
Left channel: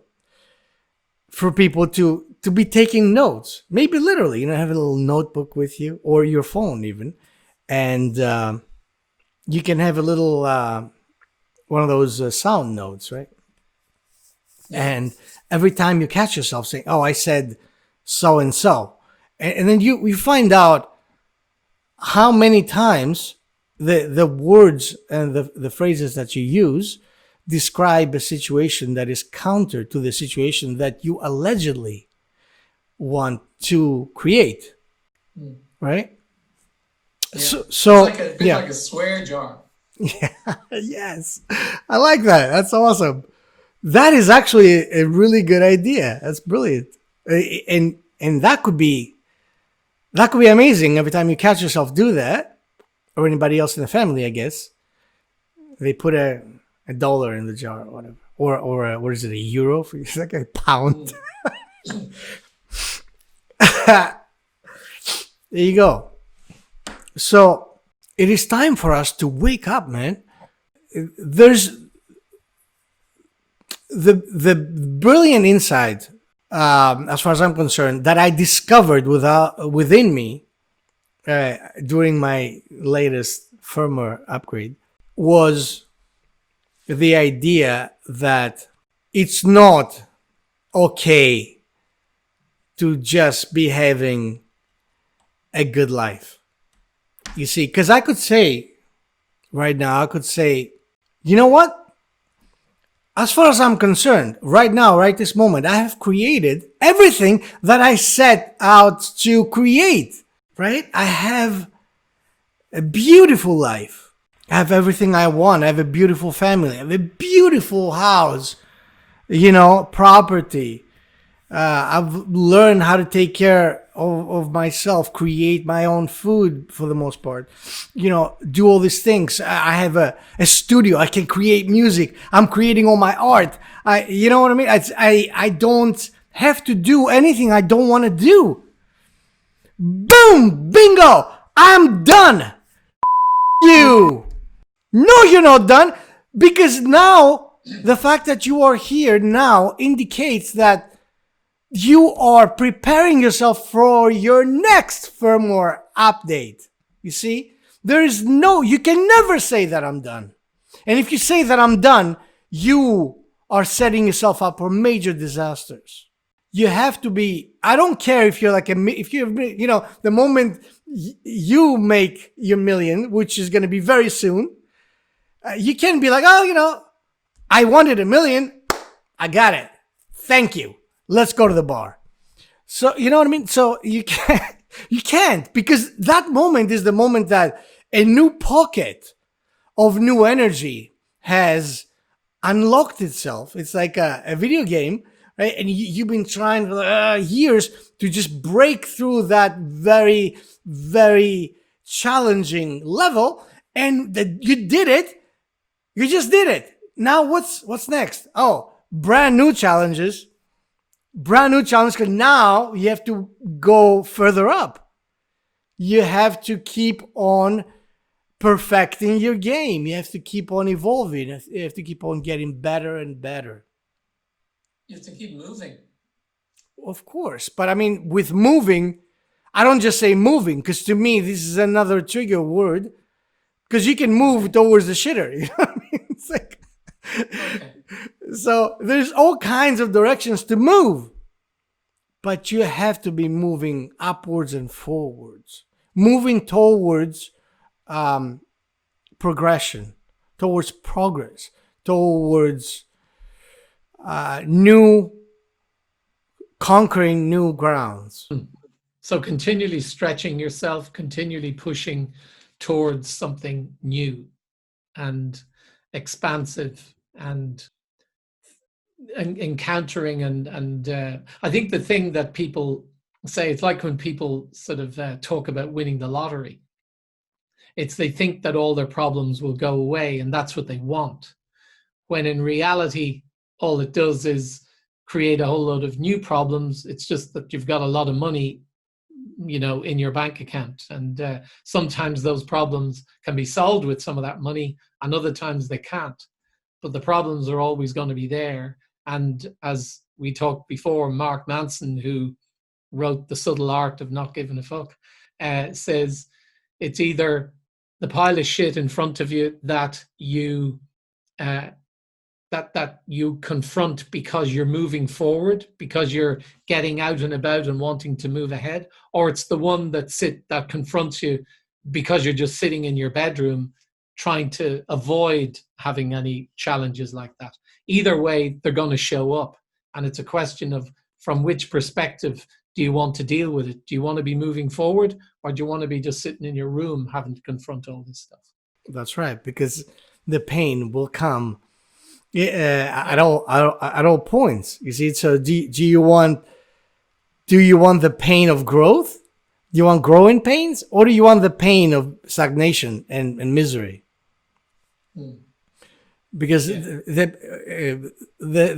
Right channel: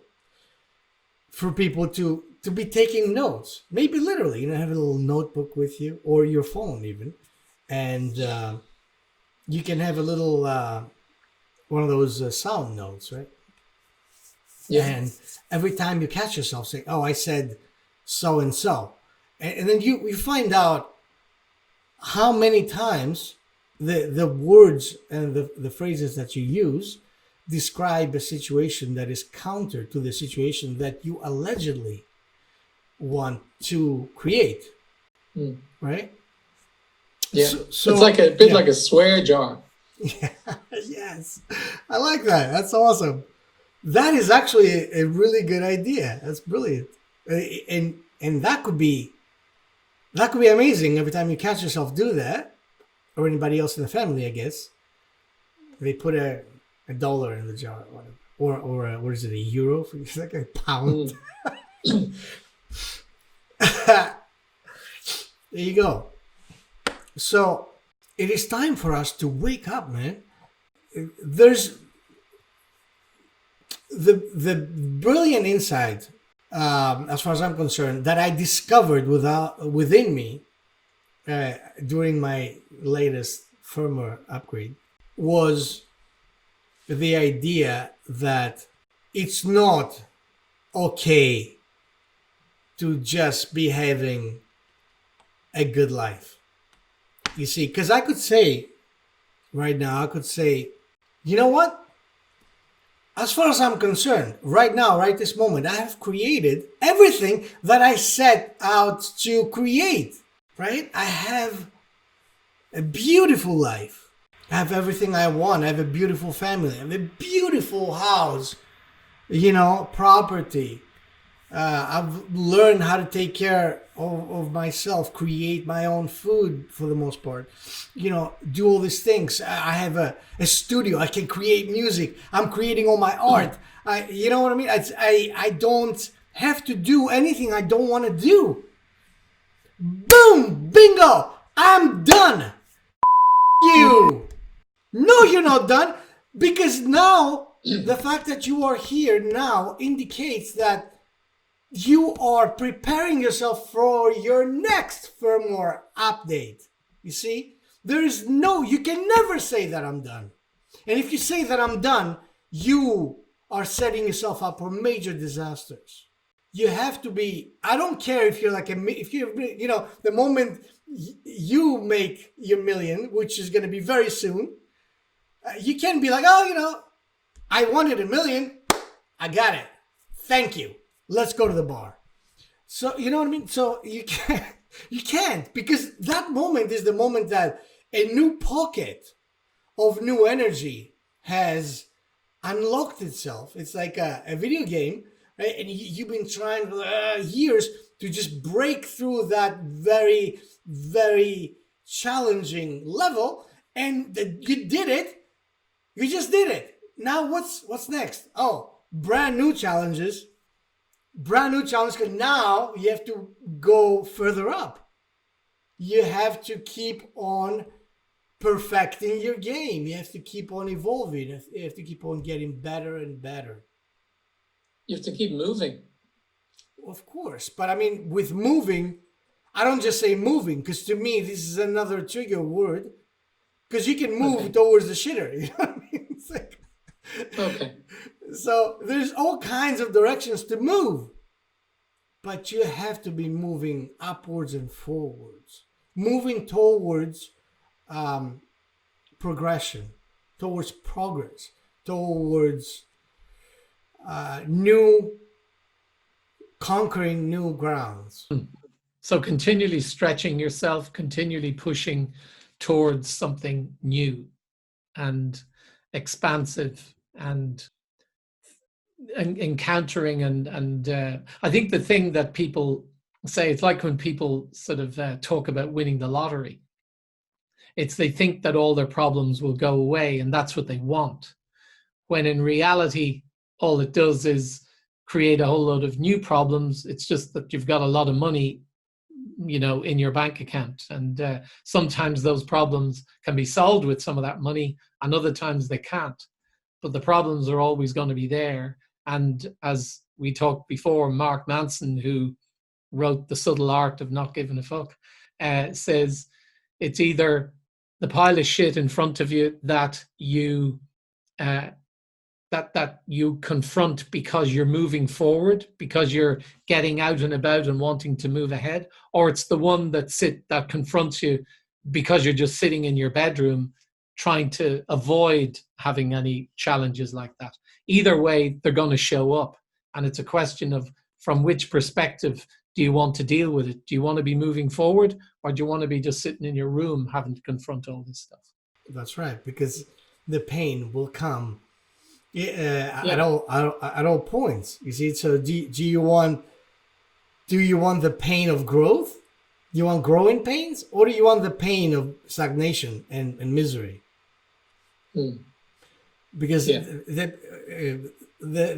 for people to be taking notes, maybe literally, have a little notebook with you or your phone even, and you can have a little one of those sound notes, right? Yeah. And every time you catch yourself saying, "Oh, I said so and so," and then you find out how many times the words and the phrases that you use describe a situation that is counter to the situation that you allegedly want to create. Right? Yeah. So it's like a bit like a swear jar. Yeah. Yes. I like that. That's awesome. That is actually a really good idea. That's brilliant. And that could be amazing every time you catch yourself do that, or anybody else in the family, I guess. They put a dollar in the jar or whatever. Or what is it, a euro? It's like a pound. There you go. So it is time for us to wake up, man. There's the brilliant insight, as far as I'm concerned, that I discovered within me during my latest firmware upgrade was the idea that it's not okay to just be having a good life. You see, because I could say right now, you know what? As far as I'm concerned, right now, right this moment, I have created everything that I set out to create, right? I have a beautiful life. I have everything I want. I have a beautiful family. I have a beautiful house, property. I've learned how to take care of myself, create my own food for the most part, do all these things. I have a studio. I can create music. I'm creating all my art. You know what I mean? I don't have to do anything I don't want to do. Boom! Bingo! I'm done! You! No, you're not done, because now the fact that you are here now indicates that you are preparing yourself for your next firmware update. You see, you can never say that I'm done. And if you say that I'm done, you are setting yourself up for major disasters. You have to be, I don't care if you're the moment you make your million, which is going to be very soon, you can be like, I wanted $1 million. I got it. Thank you. Let's go to the bar. So, you know what I mean? So you can't, because that moment is the moment that a new pocket of new energy has unlocked itself. It's like a video game, right? And you've been trying for years to just break through that very, very challenging level, and you did it. You just did it. Now what's next? Oh, brand new challenges. Brand new challenge, because now you have to go further up. You have to keep on perfecting your game. You have to keep on evolving. You have to keep on getting better and better. You have to keep moving. Of course. But I mean, with moving, I don't just say moving, because to me, this is another trigger word. Because you can move towards the shitter. You know what I mean? It's like, okay. So there's all kinds of directions to move. But you have to be moving upwards and forwards. Moving towards progression, towards progress, towards conquering new grounds. So continually stretching yourself, continually pushing towards something new and expansive and encountering and I think the thing that people say, it's like when people sort of talk about winning the lottery. It's they think that all their problems will go away and that's what they want. When in reality, all it does is create a whole load of new problems. It's just that you've got a lot of money, you know, in your bank account. And sometimes those problems can be solved with some of that money and other times they can't. But the problems are always going to be there. And as we talked before, Mark Manson, who wrote The Subtle Art of Not Giving a Fuck, says it's either the pile of shit in front of you that you that you confront because you're moving forward, because you're getting out and about and wanting to move ahead, or it's the one that confronts you because you're just sitting in your bedroom trying to avoid having any challenges like that. Either way, they're going to show up. And it's a question of from which perspective do you want to deal with it? Do you want to be moving forward, or do you want to be just sitting in your room having to confront all this stuff? That's right, because the pain will come at all points. You see, so do you want the pain of growth? Do you want growing pains, or do you want the pain of stagnation and misery? Because the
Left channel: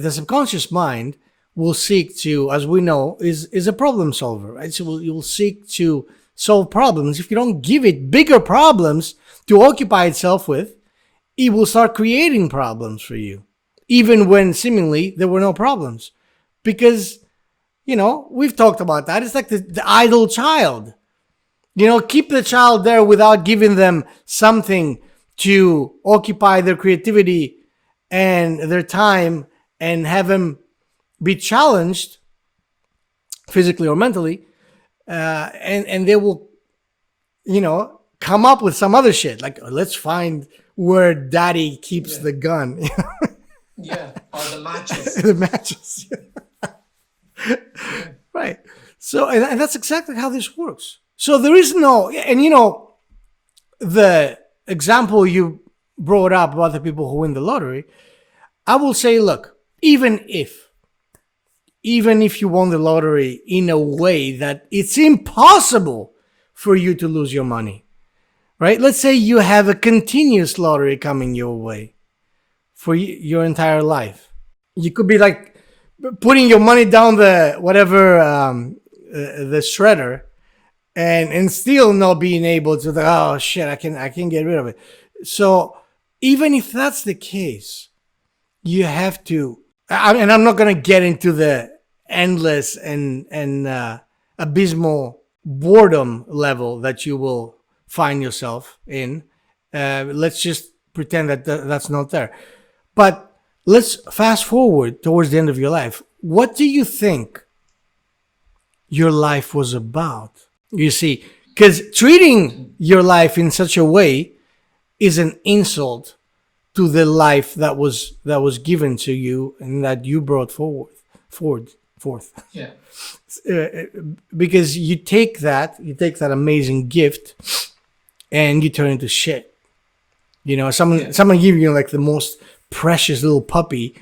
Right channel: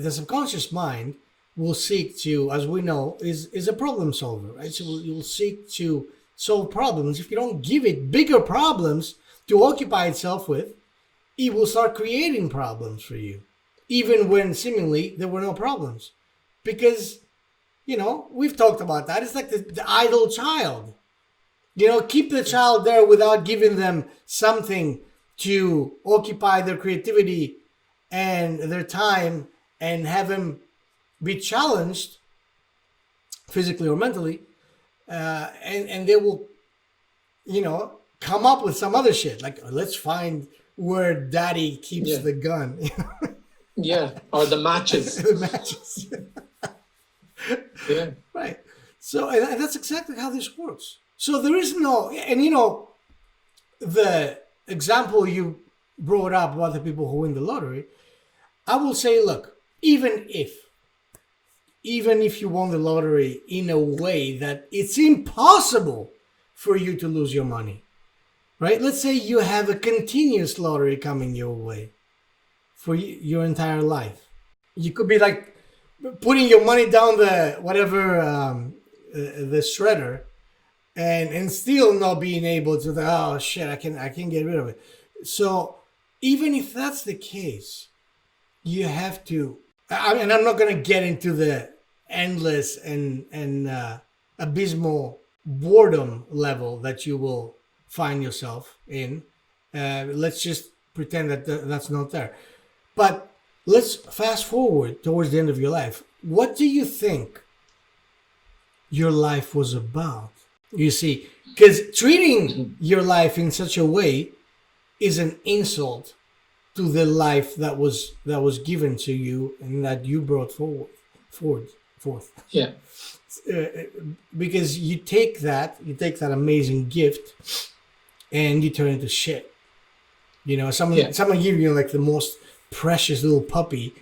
subconscious mind will seek to, as we know, is a problem solver, right? So you will seek to solve problems. If you don't give it bigger problems to occupy itself with, it will start creating problems for you, even when seemingly there were no problems. Because, you know, we've talked about that. It's like the idle child. You know, keep the child there without giving them something to occupy their creativity and their time, and have them be challenged physically or mentally, and they will, you know, come up with some other shit, like, let's find where daddy keeps the gun. Or the matches. The matches. Right. So, and that's exactly how this works. So there is no, and you know, the example you brought up about the people who win the lottery, I will say, look, even if you won the lottery in a way that it's impossible for you to lose your money, right? Let's say you have a continuous lottery coming your way for your entire life. You could be like putting your money down the the shredder, and still not being able to, oh shit, I can get rid of it. So even if that's the case, you have to, and I'm not going to get into the endless and abysmal boredom level that you will find yourself in. Let's just pretend that that's not there. But let's fast forward towards the end of your life. What do you think your life was about? You see, because treating your life in such a way is an insult to the life that was given to you and that you brought forth. Yeah. Because you take that amazing gift and you turn it into shit. You know, someone give you like the most precious little puppy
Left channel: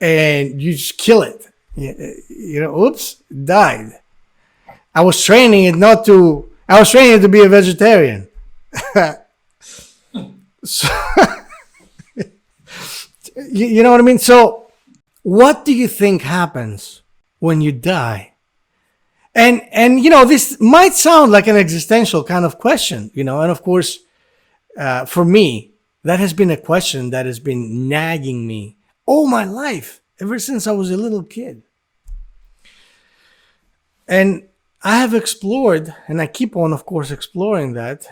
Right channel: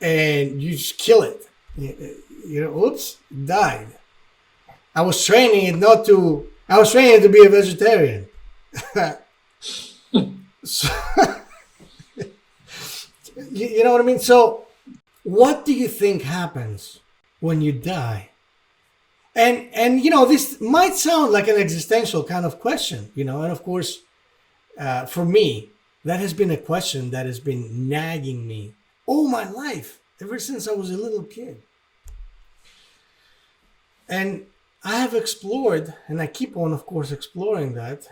and you just kill it. You know, oops, died. I was training it to be a vegetarian. So, You know what I mean? So what do you think happens when you die? And this might sound like an existential kind of question, and of course, for me, that has been a question that has been nagging me all my life, ever since I was a little kid. And I have explored, and I keep on, of course, exploring that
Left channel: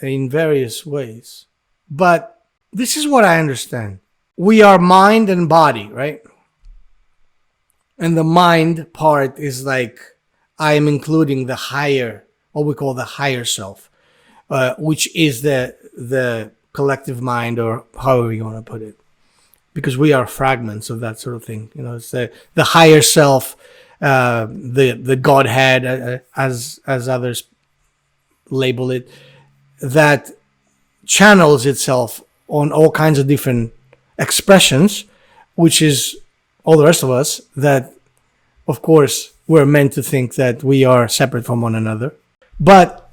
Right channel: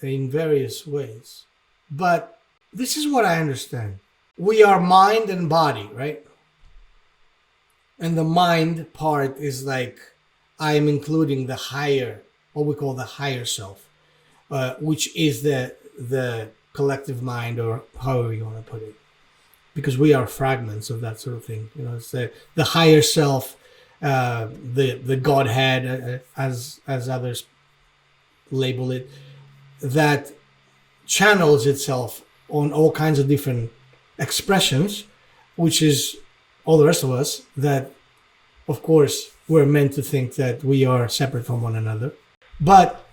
in various ways. But this is what I understand. We are mind and body, right? And the mind part is like, I am including the higher, what we call the higher self, which is the collective mind, or however you want to put it. Because we are fragments of that sort of thing. It's the higher self, the Godhead, as others label it, that channels itself on all kinds of different expressions, which is all the rest of us, that, of course, we're meant to think that we are separate from one another. But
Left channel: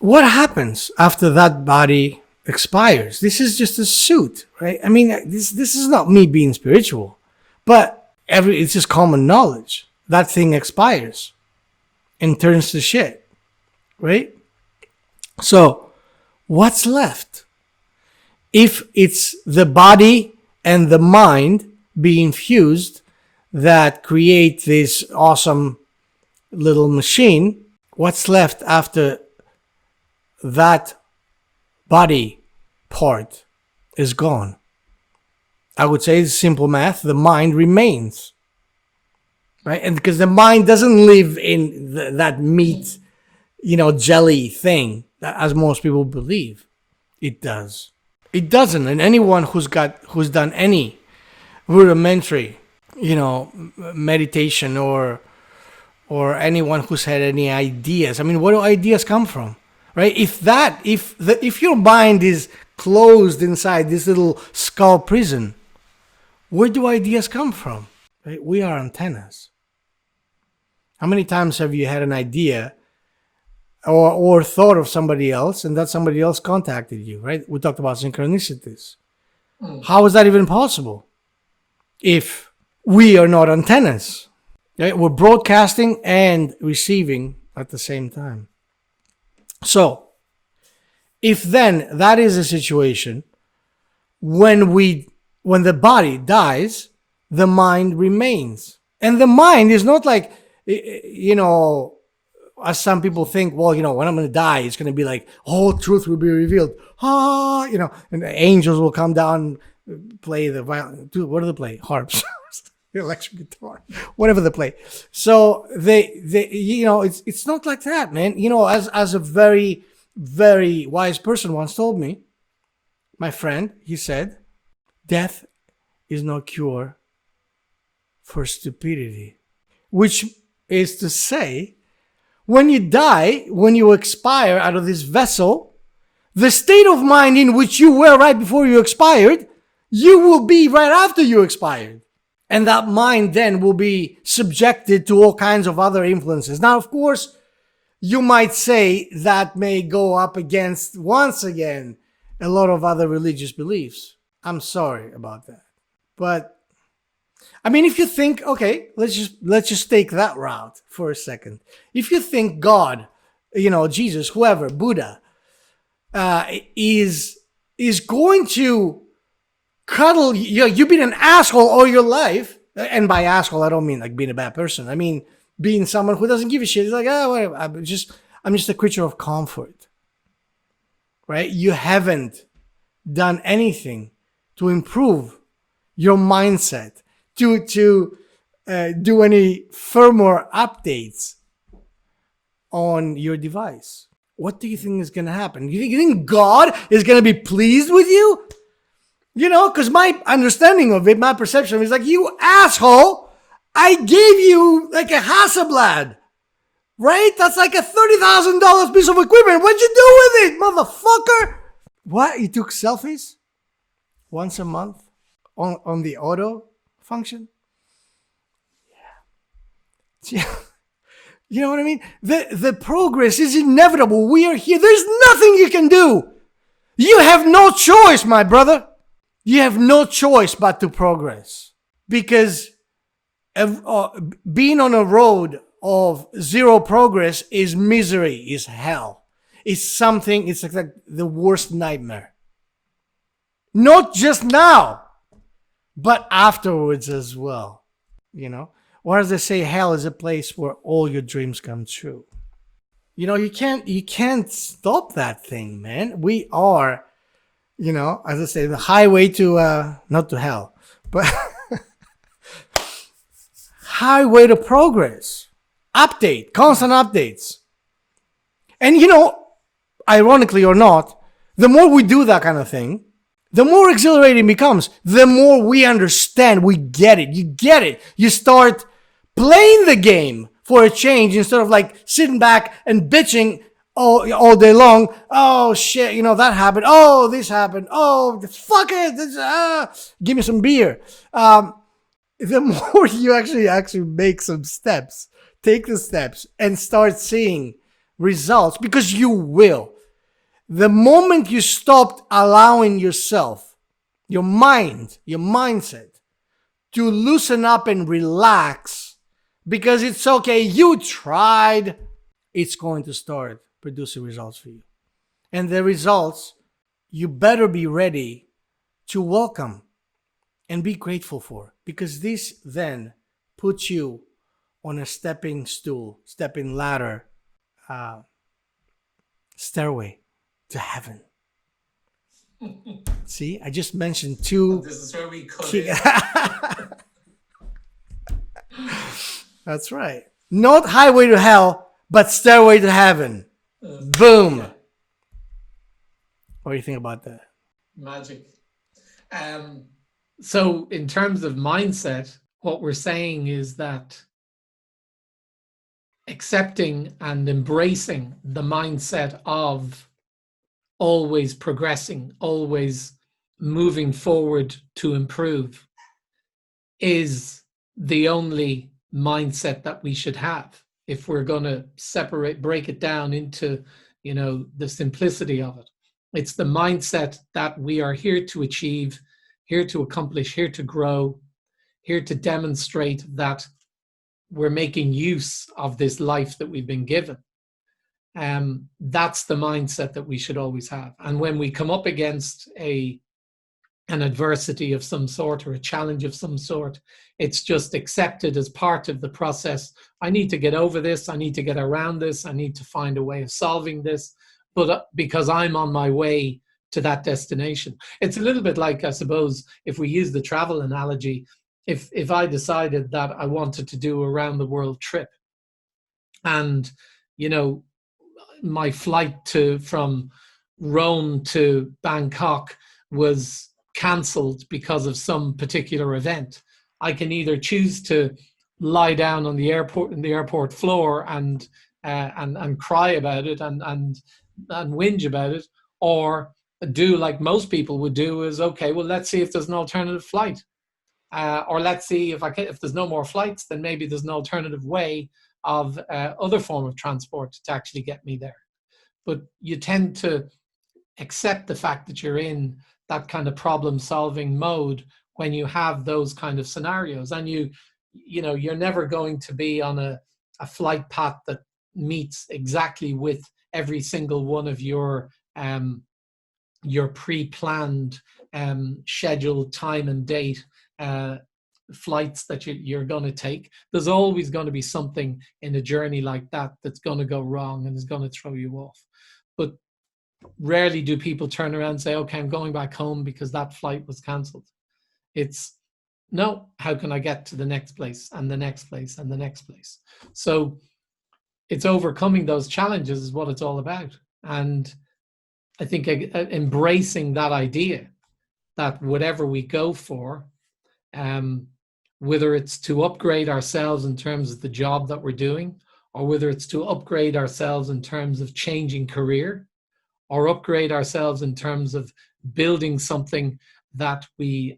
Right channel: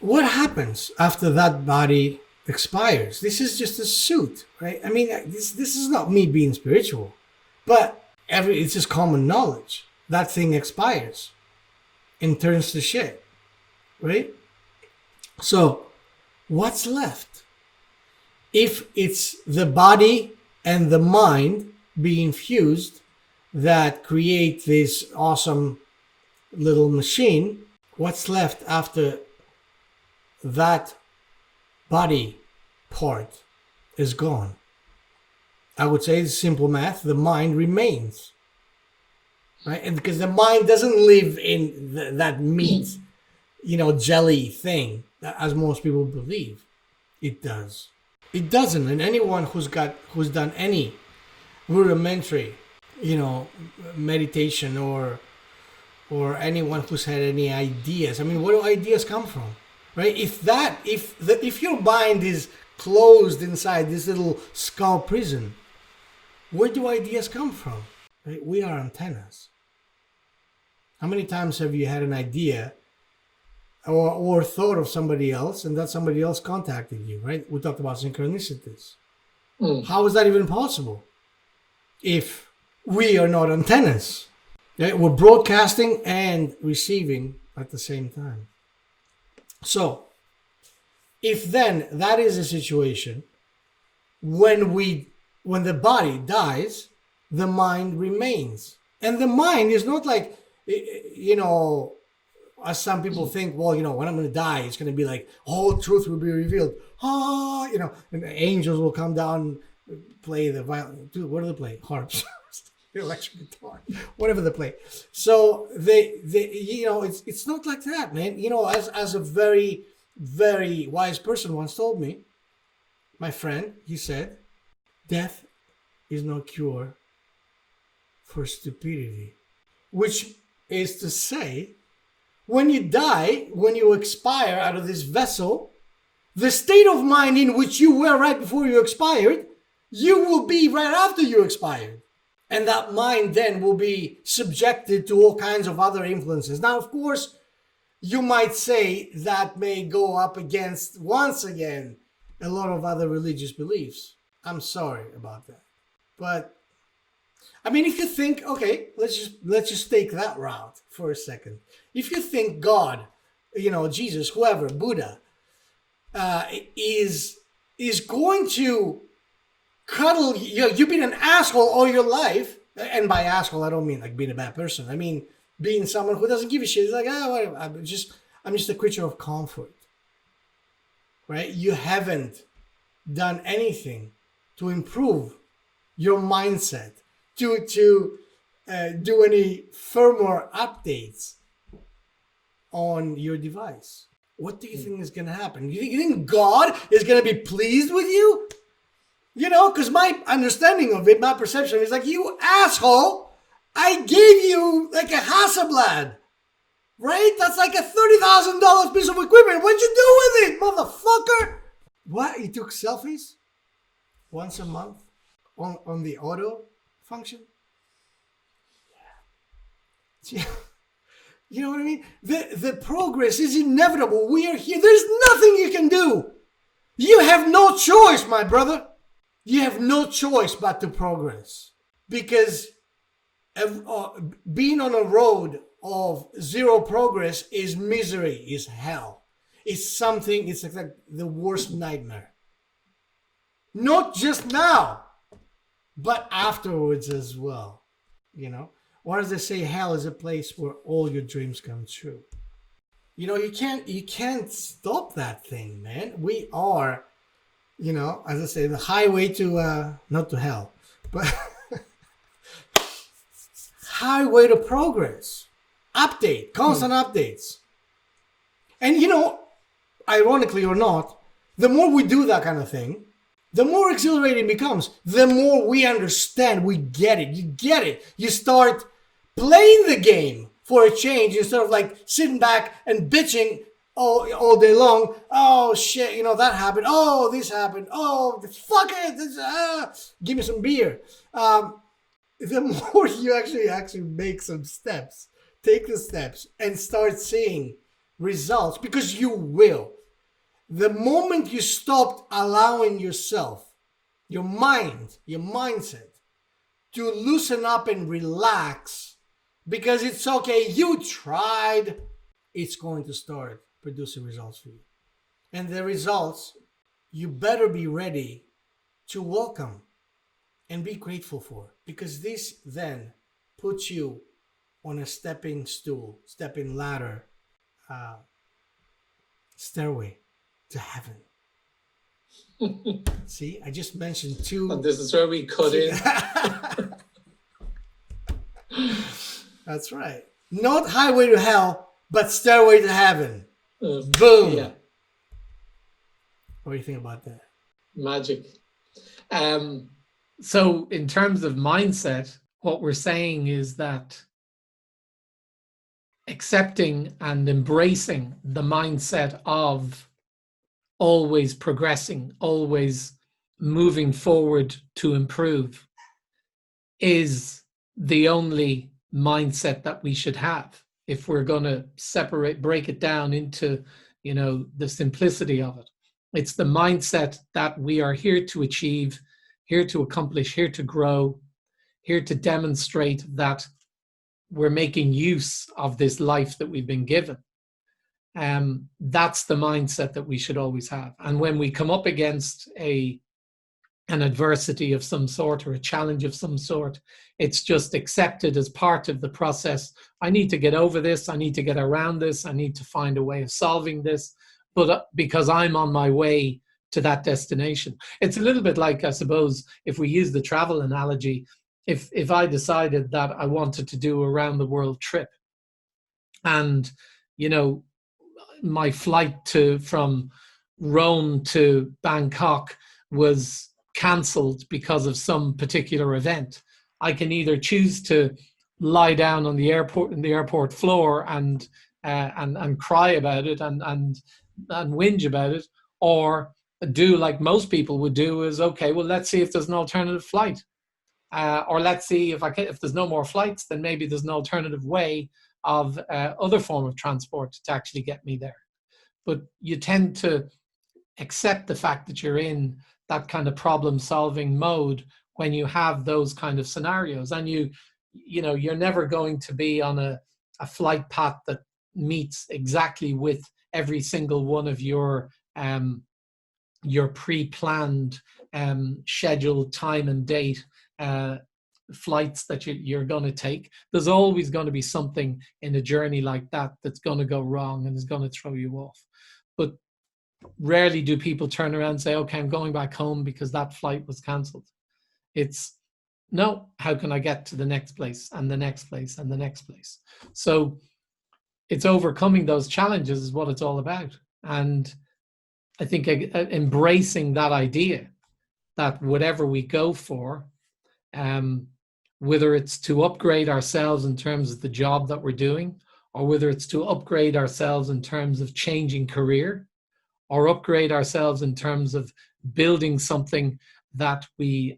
what happens after that body expires? This is just a suit, right? I mean, this is not me being spiritual, but it's just common knowledge. That thing expires and turns to shit, right? So what's left? If it's the body and the mind being fused that create this awesome little machine, what's left after that body part is gone? I would say it's simple math. The mind remains. Right? And because the mind doesn't live in that meat, jelly thing, as most people believe it does. It doesn't. And anyone who's done any rudimentary, meditation, or anyone who's had any ideas. I mean, where do ideas come from? Right? If your mind is closed inside this little skull prison, where do ideas come from? Right? We are antennas. How many times have you had an idea or thought of somebody else, and that somebody else contacted you, right? We talked about synchronicities. How is that even possible if we are not antennas? Right? We're broadcasting and receiving at the same time. So, if then that is a situation, when the body dies, the mind remains. And the mind is not like, as some people think, well, when I'm going to die, it's going to be like, all truth will be revealed. And the angels will come down and play the violin. Dude, what do they play? Harps, the electric guitar, whatever they play. So it's not like that, man. As a very, very wise person once told me, my friend, he said, death is no cure for stupidity, which is to say, when you die, when you expire out of this vessel, the state of mind in which you were right before you expired, you will be right after you expired. And that mind then will be subjected to all kinds of other influences. Now, of course, you might say that may go up against, once again, a lot of other religious beliefs. I'm sorry about that. But I mean, if you think, okay, let's just take that route for a second. If you think God, Jesus, whoever, Buddha, is going to cuddle you, you've been an asshole all your life, and by asshole I don't mean like being a bad person. I mean being someone who doesn't give a shit. It's like, whatever. I'm just a creature of comfort, right? You haven't done anything to improve your mindset, to do any firmware updates on your device. What do you think is going to happen? You think God is going to be pleased with you? Because my understanding of it, my perception is like, you asshole, I gave you like a Hasselblad, right? That's like a $30,000 piece of equipment. What'd you do with it, motherfucker? What? You took selfies once a month on the auto function? Yeah. You know what I mean? The progress is inevitable. We are here. There's nothing you can do. You have no choice, my brother. You have no choice but to progress, because being on a road of zero progress is misery, is hell. It's something, it's like the worst nightmare. Not just now, but afterwards as well. You know, or as they say, hell is a place where all your dreams come true. You know, you can't stop that thing, man. We are, you know, as I say, the highway to not to hell, but highway to progress. Update, constant updates. And you know, ironically or not, the more we do that kind of thing, the more exhilarating it becomes. The more we understand, we get it. You get it. You start playing the game for a change instead of like sitting back and bitching all day long. Oh shit, you know, that happened. Oh, this happened. Oh, fuck it. Give me some beer. The more you actually make some steps, take the steps and start seeing results, because you will. The moment you stopped allowing yourself, your mind, your mindset, to loosen up and relax, because it's okay, you tried, it's going to start producing results for you. And the results, you better be ready to welcome and be grateful for, because this then puts you on a stepping ladder, stairway to heaven. See, I just mentioned two. And this is where we cut in. That's right. Not highway to hell, but stairway to heaven. Boom. Yeah. What do you think about that? Magic. So in terms of mindset, what we're saying is that accepting and embracing the mindset of always progressing, always moving forward to improve is the only mindset that we should have if we're going to break it down into, you know, the simplicity of it. It's the mindset that we are here to achieve, here to accomplish, here to grow, here to demonstrate that we're making use of this life that we've been given. That's the mindset that we should always have. And when we come up against an adversity of some sort or a challenge of some sort, it's just accepted as part of the process. I need to get over this. I need to get around this. I need to find a way of solving this. But because I'm on my way to that destination, it's a little bit like, I suppose, if we use the travel analogy, if I decided that I wanted to do a round the world trip, and, you know, my flight from Rome to Bangkok was cancelled because of some particular event, I can either choose to lie down on the airport floor and cry about it and whinge about it, or do like most people would do, is okay, well, let's see if there's an alternative flight, or let's see if there's no more flights, then maybe there's an alternative way of other form of transport to actually get me there. But you tend to accept the fact that you're in that kind of problem solving mode when you have those kind of scenarios, and you know, you're never going to be on a flight path that meets exactly with every single one of your pre-planned scheduled time and date flights that you're going to take. There's always going to be something in a journey like that that's going to go wrong and is going to throw you off. But rarely do people turn around and say, okay, I'm going back home because that flight was cancelled. It's, no, how can I get to the next place and the next place and the next place? So it's overcoming those challenges is what it's all about. And I think embracing that idea that whatever we go for, whether it's to upgrade ourselves in terms of the job that we're doing, or whether it's to upgrade ourselves in terms of changing career, or upgrade ourselves in terms of building something that we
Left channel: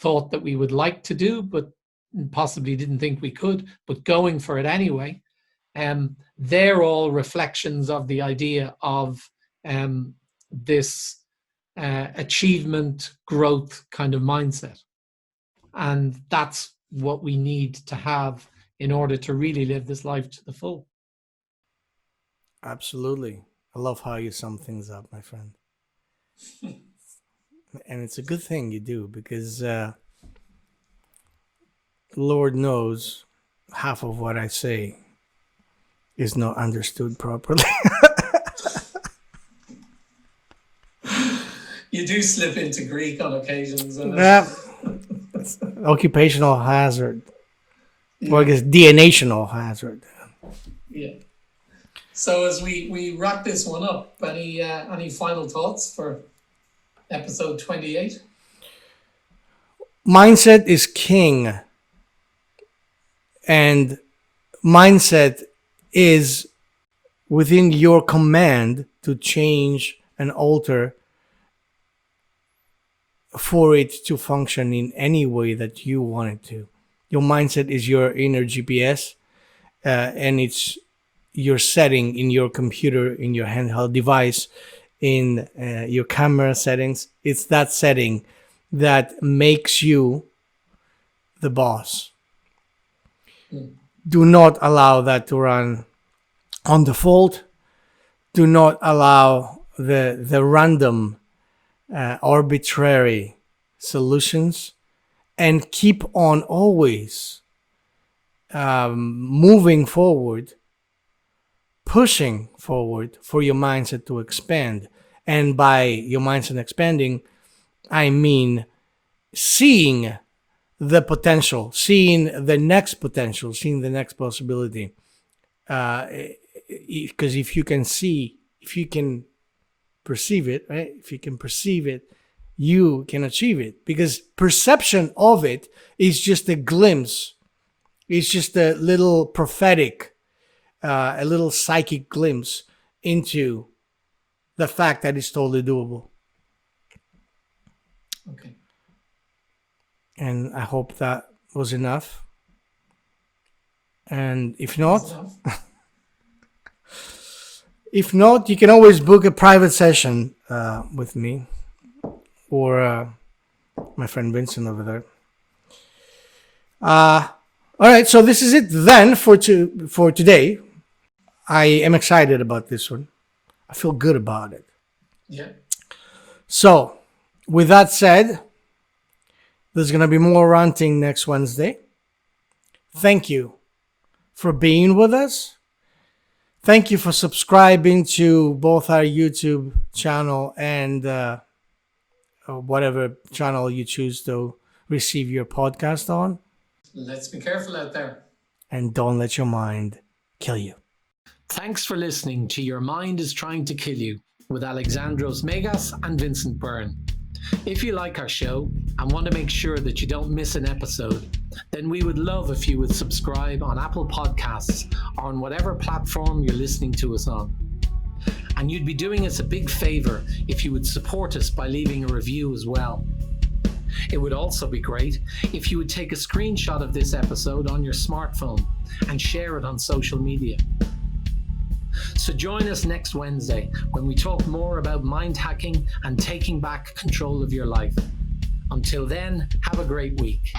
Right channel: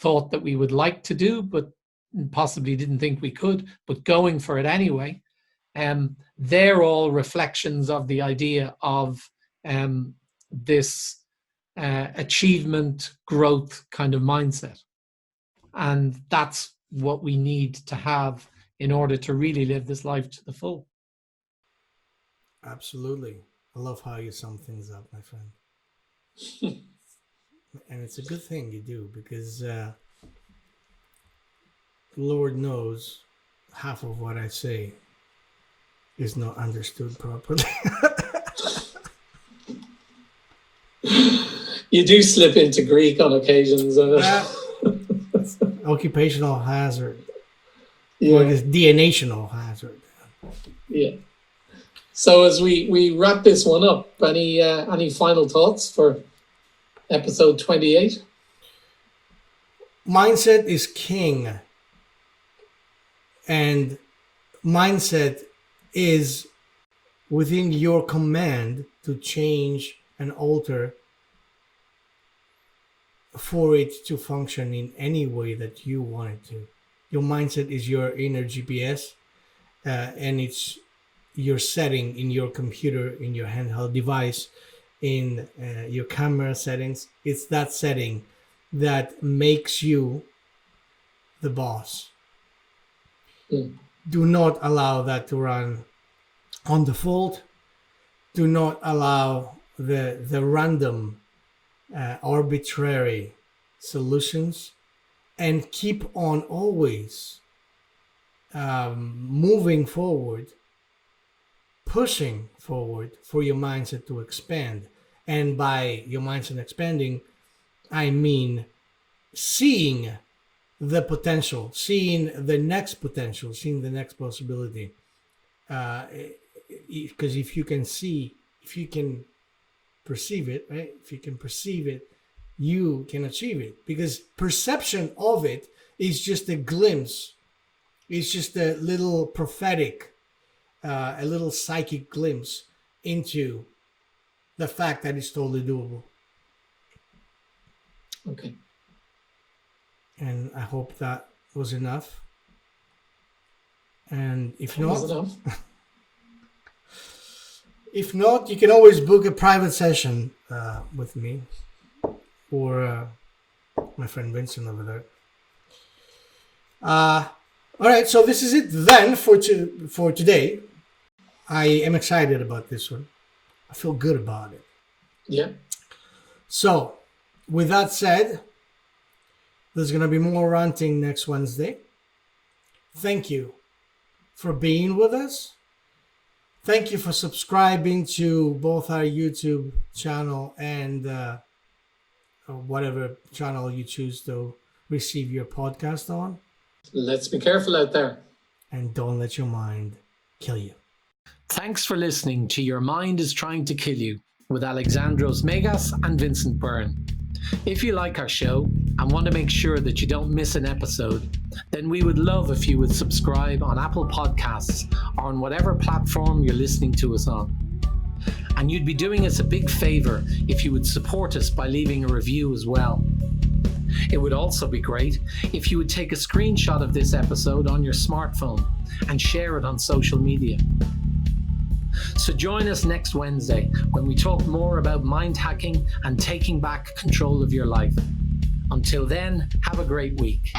thought that we would like to do, but possibly didn't think we could, but going for it anyway, they're all reflections of the idea of this achievement, growth kind of mindset. And that's what we need to have in order to really live this life to the full. Absolutely. I love how you sum things up, my friend. And it's a good thing you do, because Lord knows half of what I say is not understood properly. You do slip into Greek on occasions. Occupational hazard. Yeah. Or I guess DNA-tional hazard. Yeah. So as we wrap this one up, any final thoughts for episode 28? Mindset is king. And mindset is within your command to change and alter for it to function in any way that you want it to. Your mindset is your inner GPS, and it's your setting in your computer, in your handheld device, in your camera settings. It's that setting that makes you the boss. Do not allow that to run on default. Do not allow the random, arbitrary solutions, and keep on always moving forward, pushing forward for your mindset to expand. And by your mindset expanding, I mean seeing the potential, seeing the next potential, seeing the next possibility. Because if you can see, if you can perceive it, right? If you can perceive it, you can achieve it. Because perception of it is just a glimpse. It's just a little prophetic, a little psychic glimpse into the fact that it's totally doable. Okay. And I hope that was enough. And if not, if not, you can always book a private session with me or my friend Vincent over there. All right, so this is it then for today. I am excited about this one. I feel good about it. Yeah. So, with that said, there's going to be more ranting next Wednesday. Thank you for being with us. Thank you for subscribing to both our YouTube channel and whatever channel you choose to receive your podcast on. Let's be careful out there. And don't let your mind kill you. Thanks for listening to Your Mind is Trying to Kill You with Alexandros Megas and Vincent Byrne. If you like our show and want to make sure that you don't miss an episode, then we would love if you would subscribe on Apple Podcasts or on whatever platform you're listening to us on. And you'd be doing us a big favor if you would support us by leaving a review as well. It would also be great if you would take a screenshot of this episode on your smartphone and share it on social media. So join us next Wednesday when we talk more about mind hacking and taking back control of your life. Until then, have a great week.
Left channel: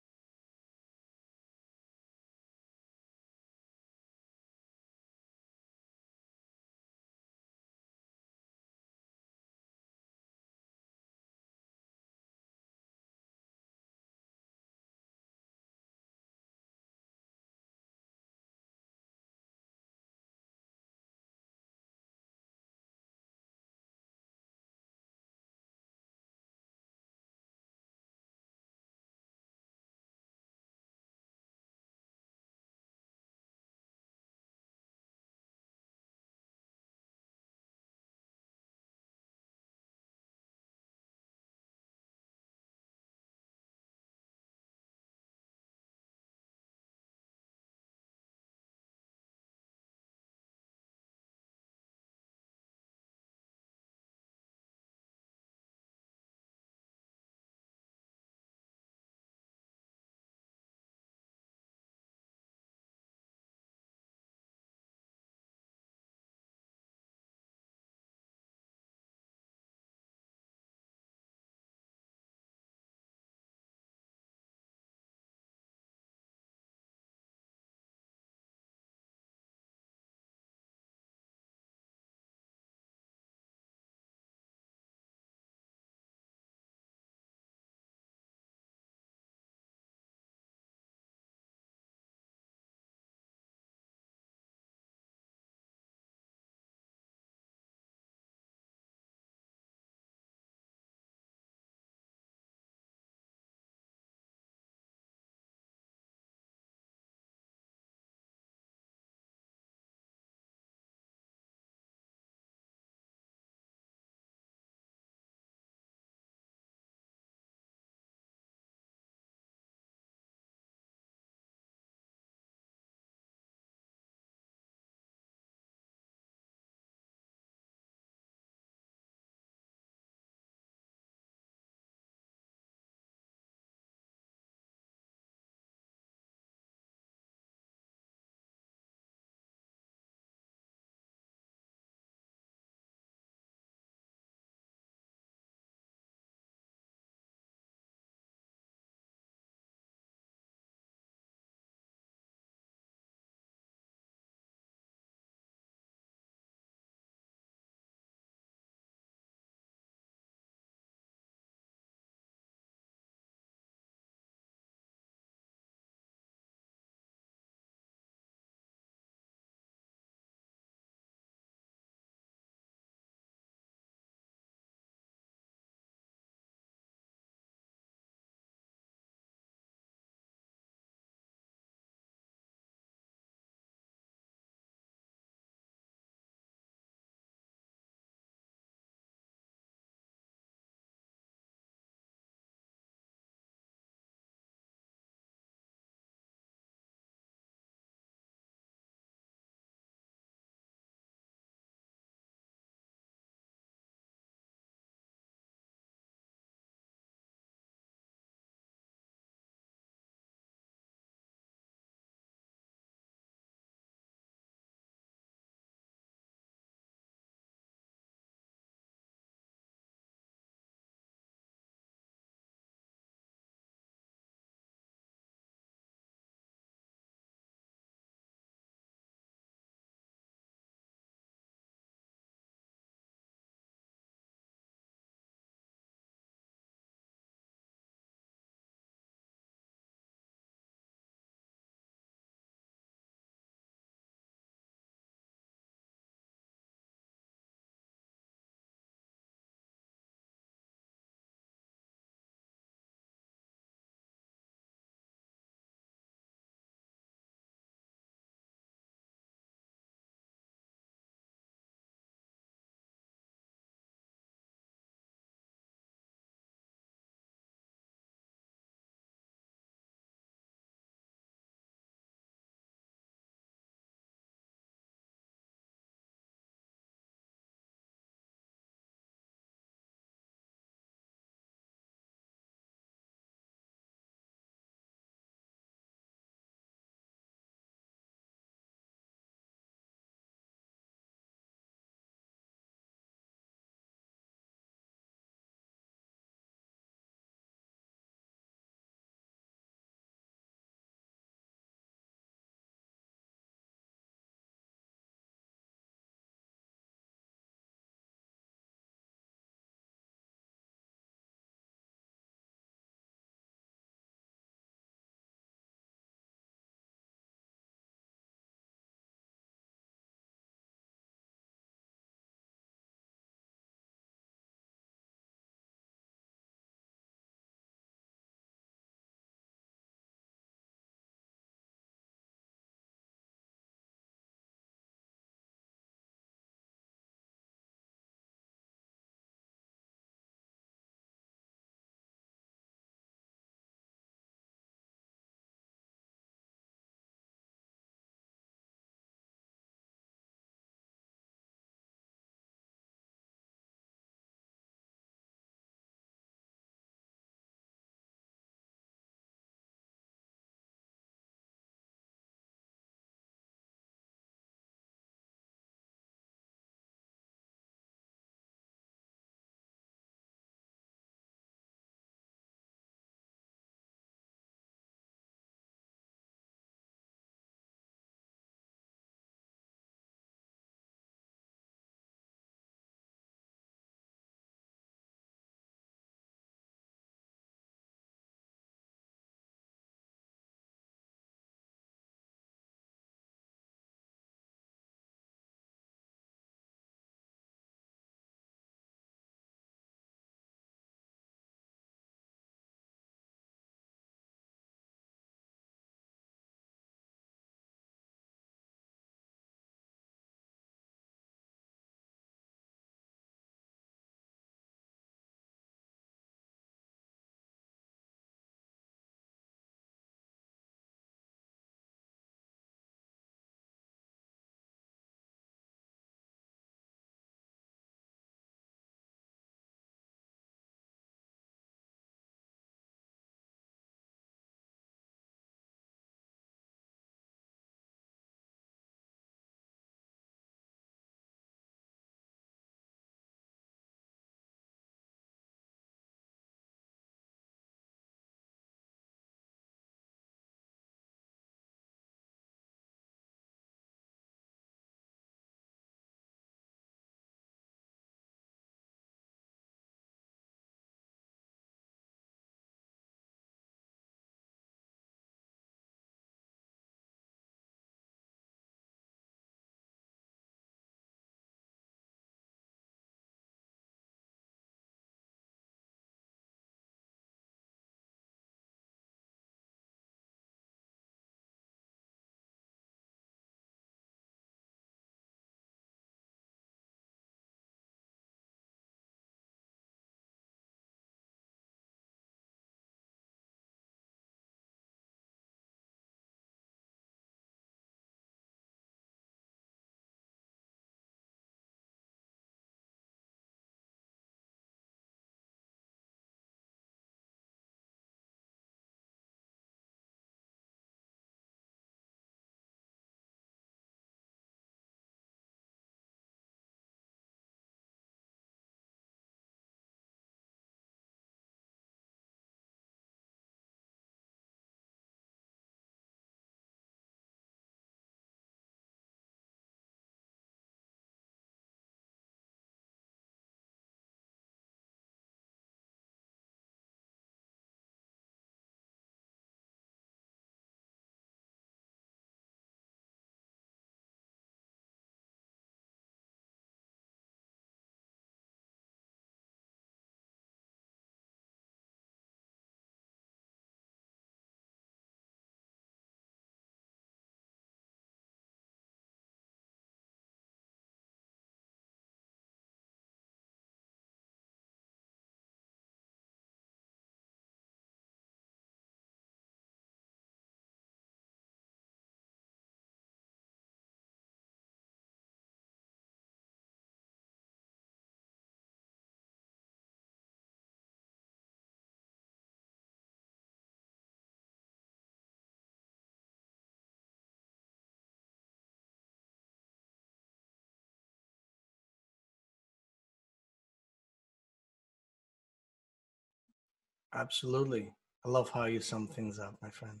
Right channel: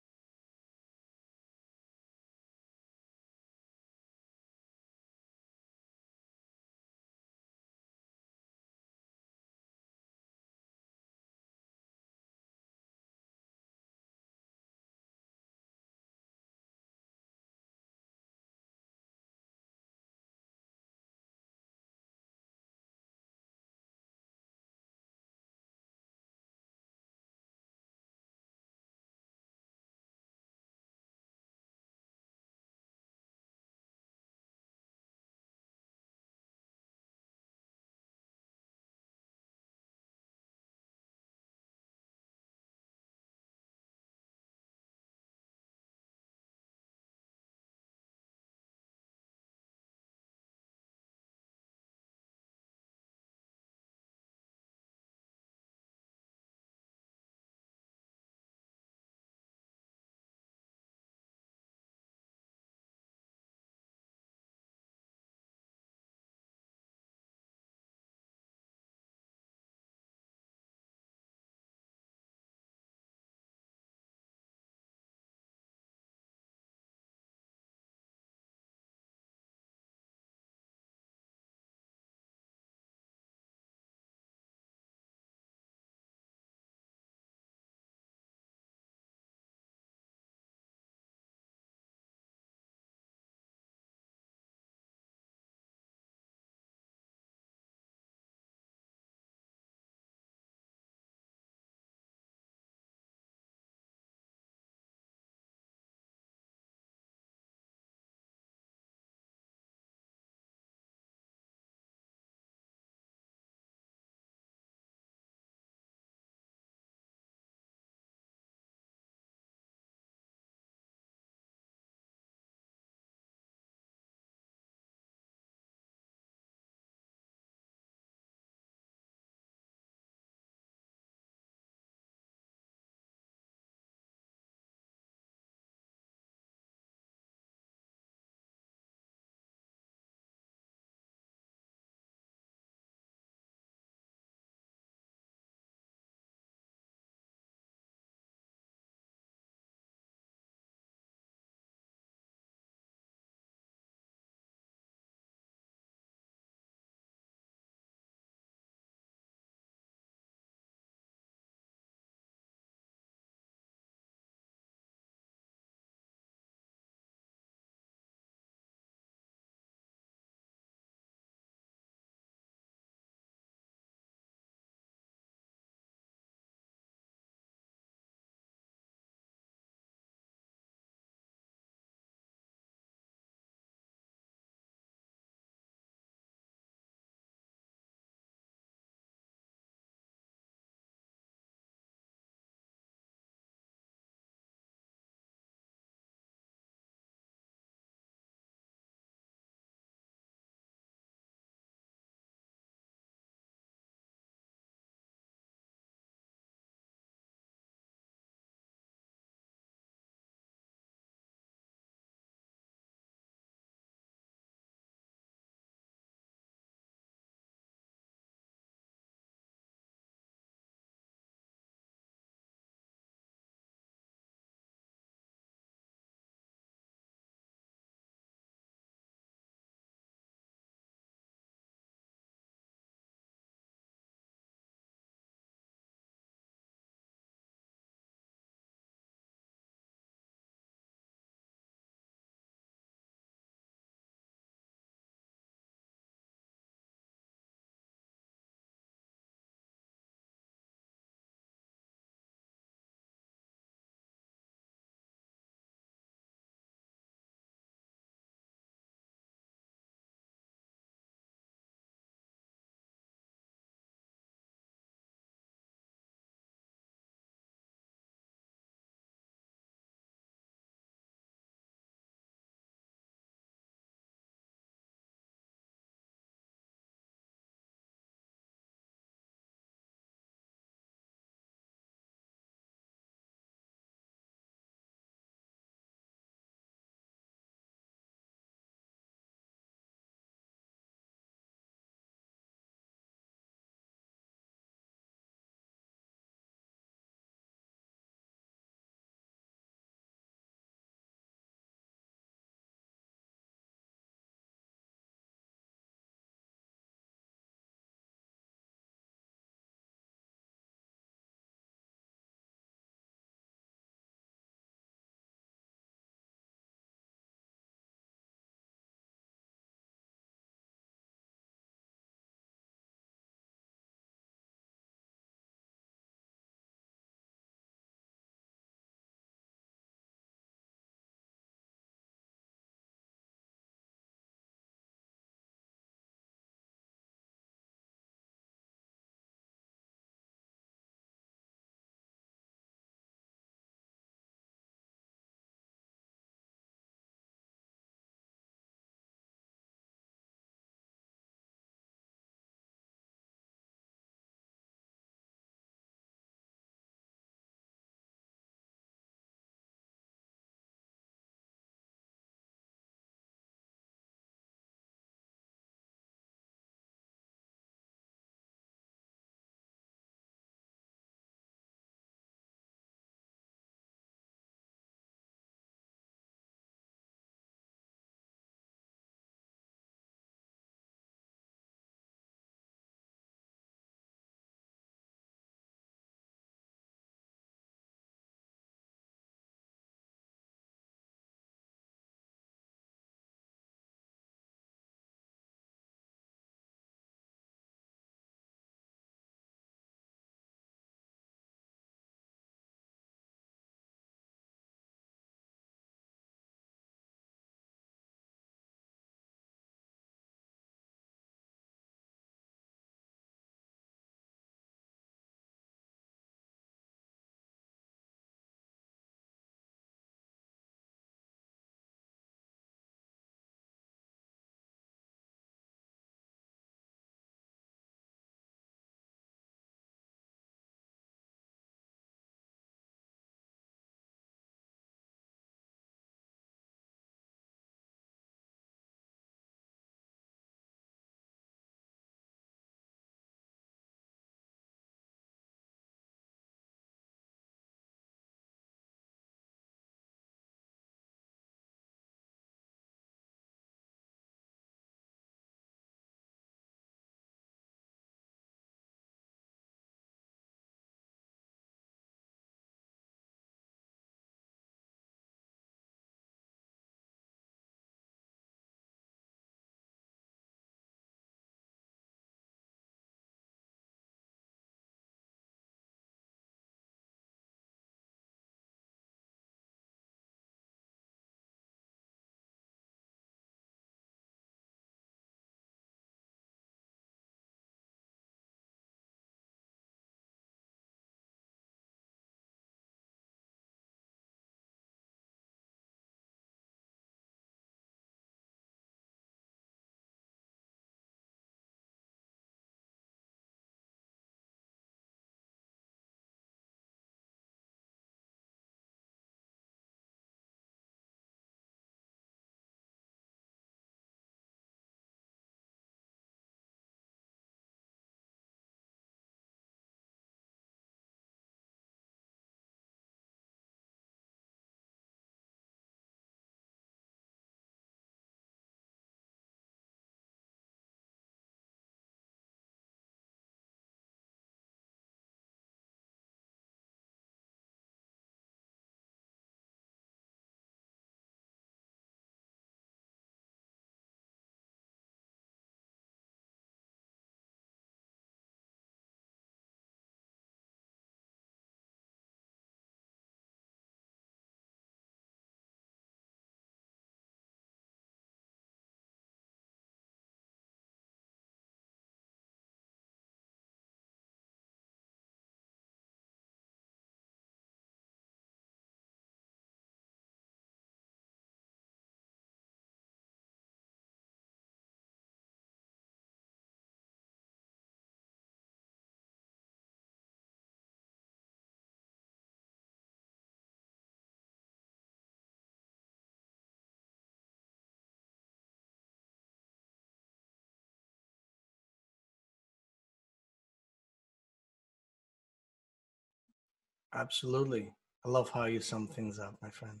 Absolutely. I love how you sum things up, my friend.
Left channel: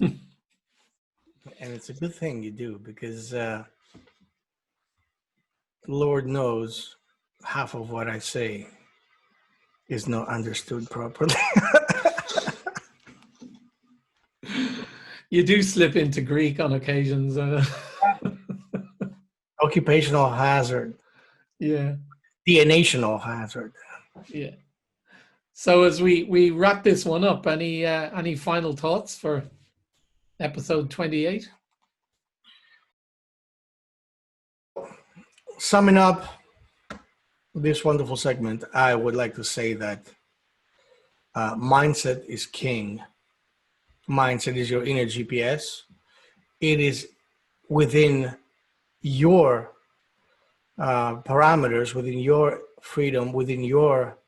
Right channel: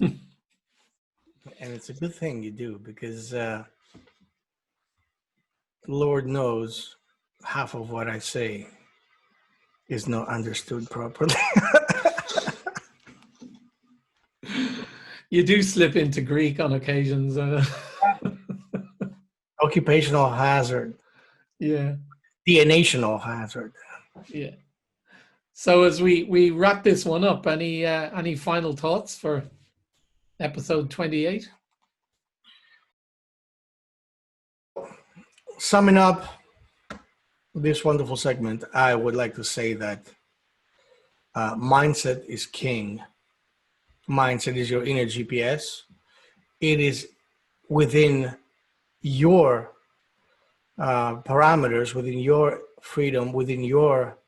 And it's a good thing you do because Lord knows half of what I say is not understood properly. You do slip into Greek on occasions. Occupational hazard, Yeah, DNA-tional hazard. yeah. So as we wrap this one up, any final thoughts for episode 28? Summing up this wonderful segment, I would like to say that mindset is king. Mindset is your inner GPS. It is within your parameters, within your freedom, within your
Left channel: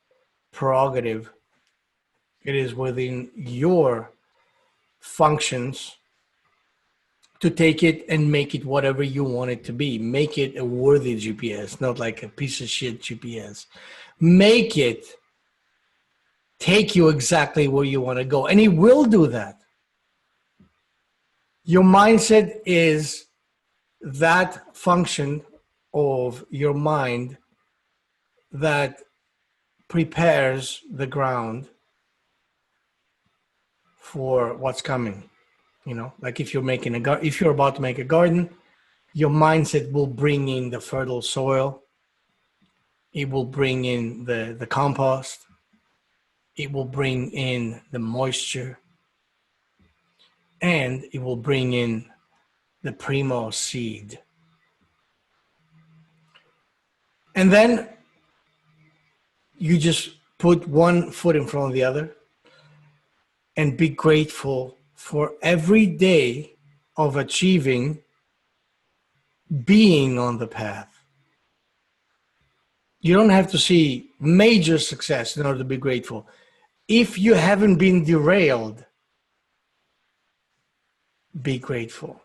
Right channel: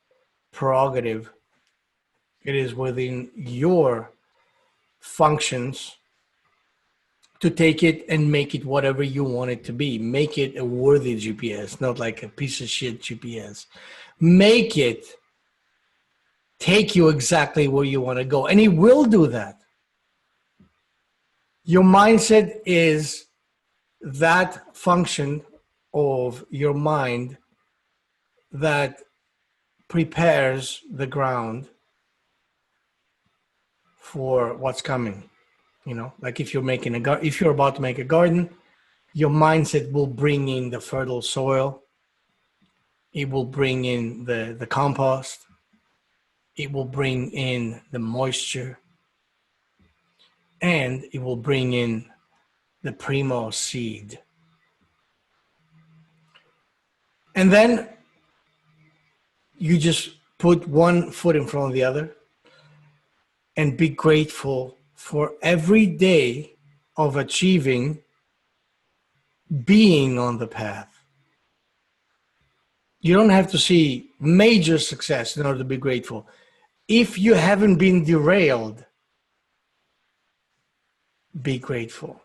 prerogative. It is within your functions to take it and make it whatever you want it to be. Make it a worthy GPS, not like a piece of shit GPS. Make it take you exactly where you want to go, and it will do that. Your mindset is that function of your mind that prepares the ground for what's coming. You know, like if you're making if you're about to make a garden, your mindset will bring in the fertile soil. It will bring in the compost. It will bring in the moisture, and it will bring in the primo seed. And then you just put one foot in front of the other and be grateful for every day of achieving being on the path. You don't have to see major success in order to be grateful. If you haven't been derailed, be grateful.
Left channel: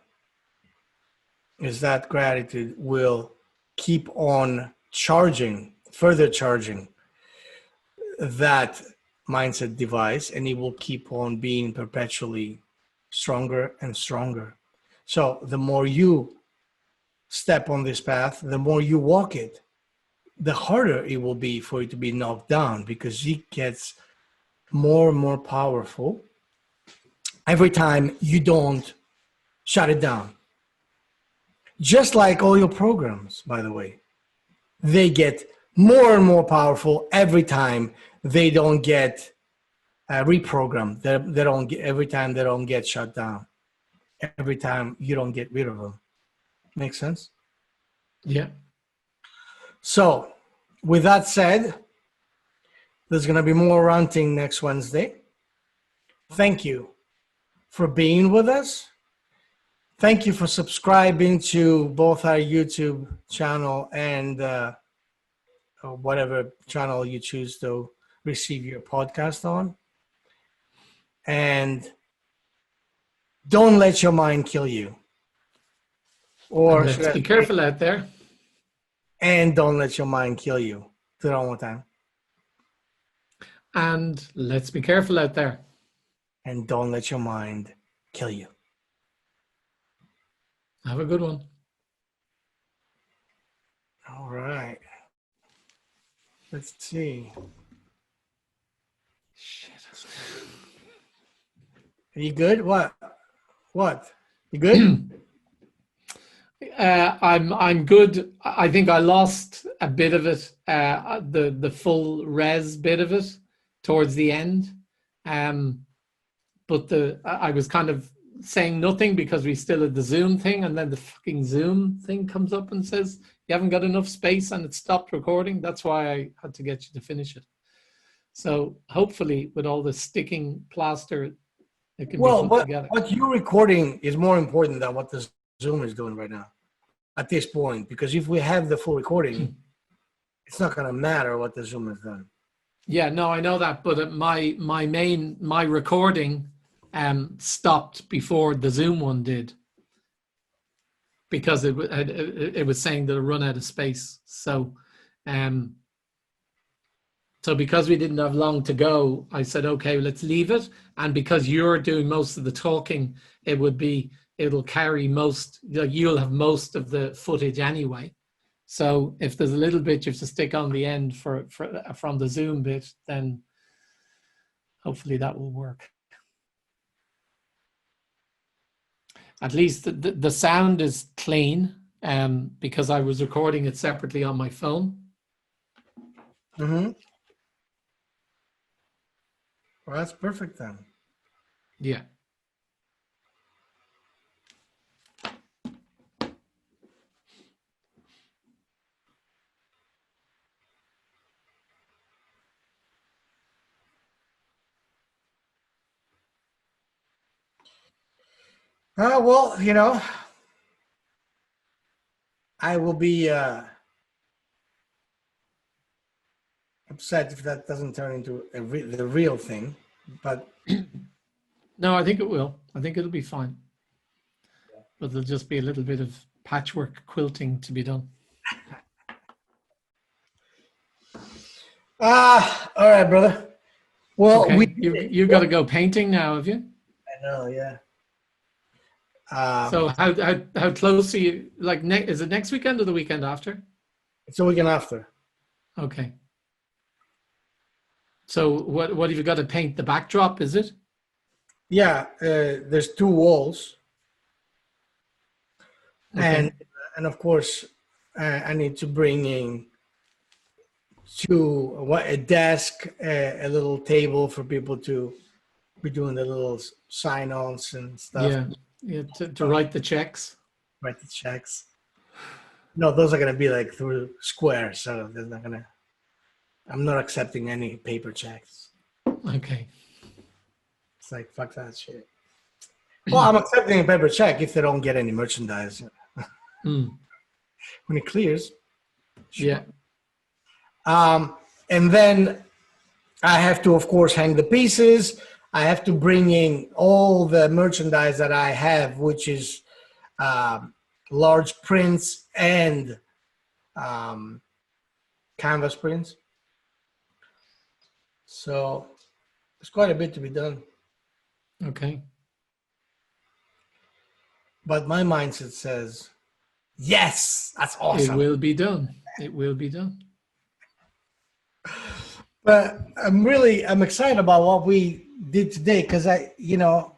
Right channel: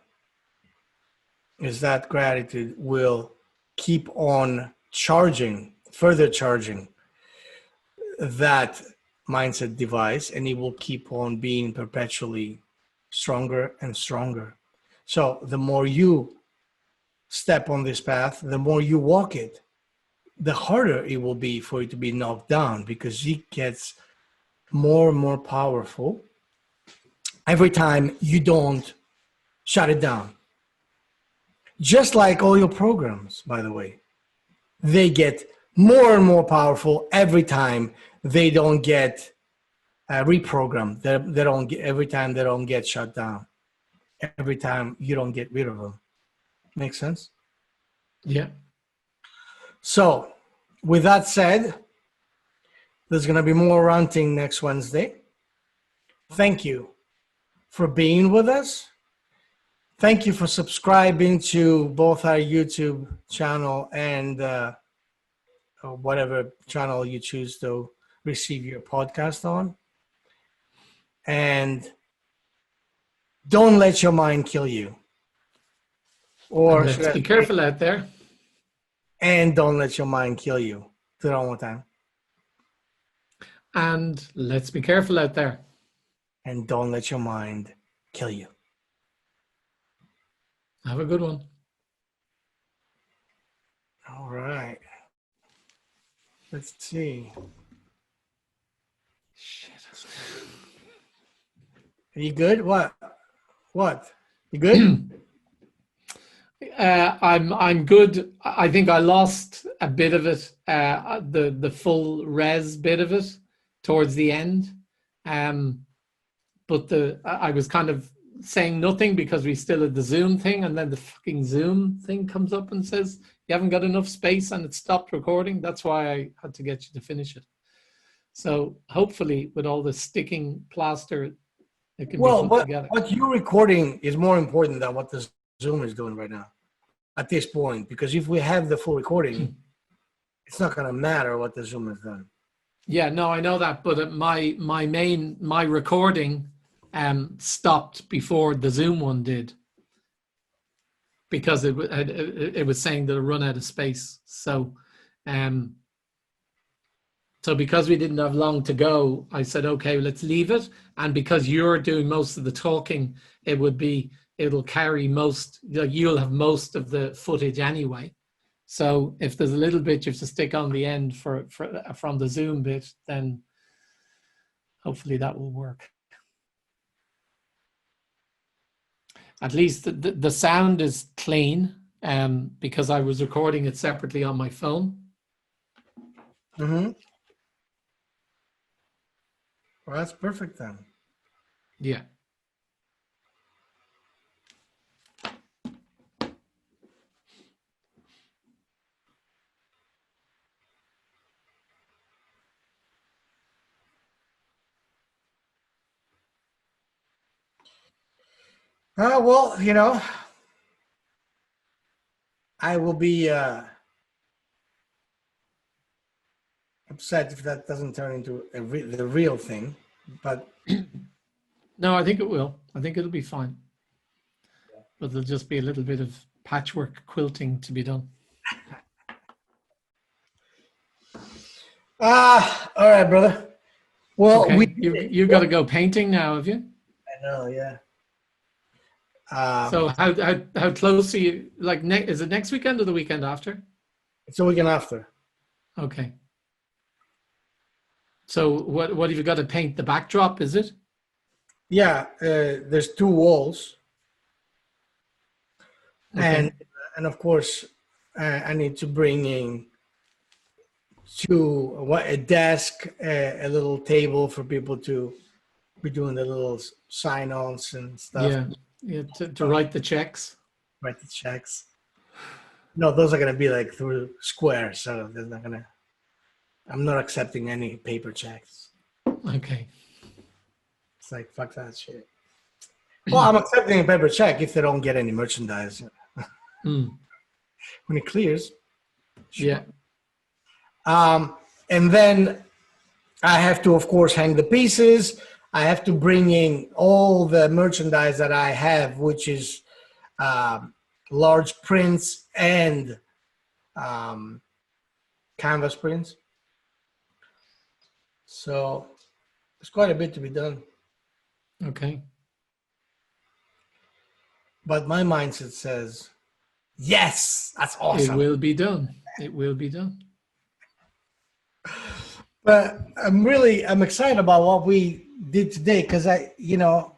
Is that gratitude will keep on charging, further charging that mindset device, and it will keep on being perpetually stronger and stronger. So the more you step on this path, the more you walk it, the harder it will be for it to be knocked down, because it gets more and more powerful every time you don't shut it down. Just like all your programs, by the way, they get more and more powerful every time they don't get reprogrammed. They don't get, every time they don't get shut down. Every time you don't get rid of them. Make sense? Yeah. So, with that said, there's going to be more ranting next Wednesday. Thank you for being with us. Thank you for subscribing to both our YouTube channel and whatever channel you choose to receive your podcast on. And don't let your mind kill you. Or And let's be careful out there. And don't let your mind kill you. Do it one more time. And let's be careful out there. And don't let your mind kill you. Have a good one. All right. Let's see. Shit. Are you good? What? You good? I'm good. I think I lost a bit of it, the full res bit of it towards the end. But I was kind of saying nothing because we still had the Zoom thing, and then the fucking Zoom thing comes up and says you haven't got enough space and it stopped recording. That's why I had to get you to finish it. So hopefully with all the sticking plaster, it can be put together. What you're recording is more important than what the Zoom is doing right now at this point, because if we have the full recording, it's not going to matter what the Zoom has done. Yeah, no, I know that, but my recording stopped before the Zoom one did, because it was saying that it run out of space. So So because we didn't have long to go, I said, okay, let's leave it. And because you're doing most of the talking, it'll carry most, you'll have most of the footage anyway. So if there's a little bit you have to stick on the end from the Zoom bit, then hopefully that will work. At least the sound is clean, because I was recording it separately on my phone. Mm-hmm. Well, that's perfect then. Yeah. Well, I will be upset if that doesn't turn into the real thing, but No, I think it will. I think it'll be fine. But there'll just be a little bit of patchwork quilting to be done. all right, brother. Well, Okay, you've got to go painting now, have you? I know, yeah. So how close are you? Like, is it next weekend or the weekend after? It's a weekend after. Okay. So what have you got to paint? The backdrop, is it? Yeah, there's 2 walls, Okay. and of course, I need to bring in a desk, a little table for people to be doing the little sign-ons and stuff. Yeah, to write the checks. Write the checks. No, those are gonna be like through Square, so they're not gonna. I'm not accepting any paper checks. Okay. It's like fuck that shit. Well, I'm accepting a paper check if they don't get any merchandise. Mm. When it clears. Sure. Yeah. And then I have to, of course, hang the pieces. I have to bring in all the merchandise that I have, which is large prints and canvas prints. So there's quite a bit to be done. Okay. But my mindset says, yes, that's awesome. It will be done. It will be done. But I'm excited about what we did today because it looks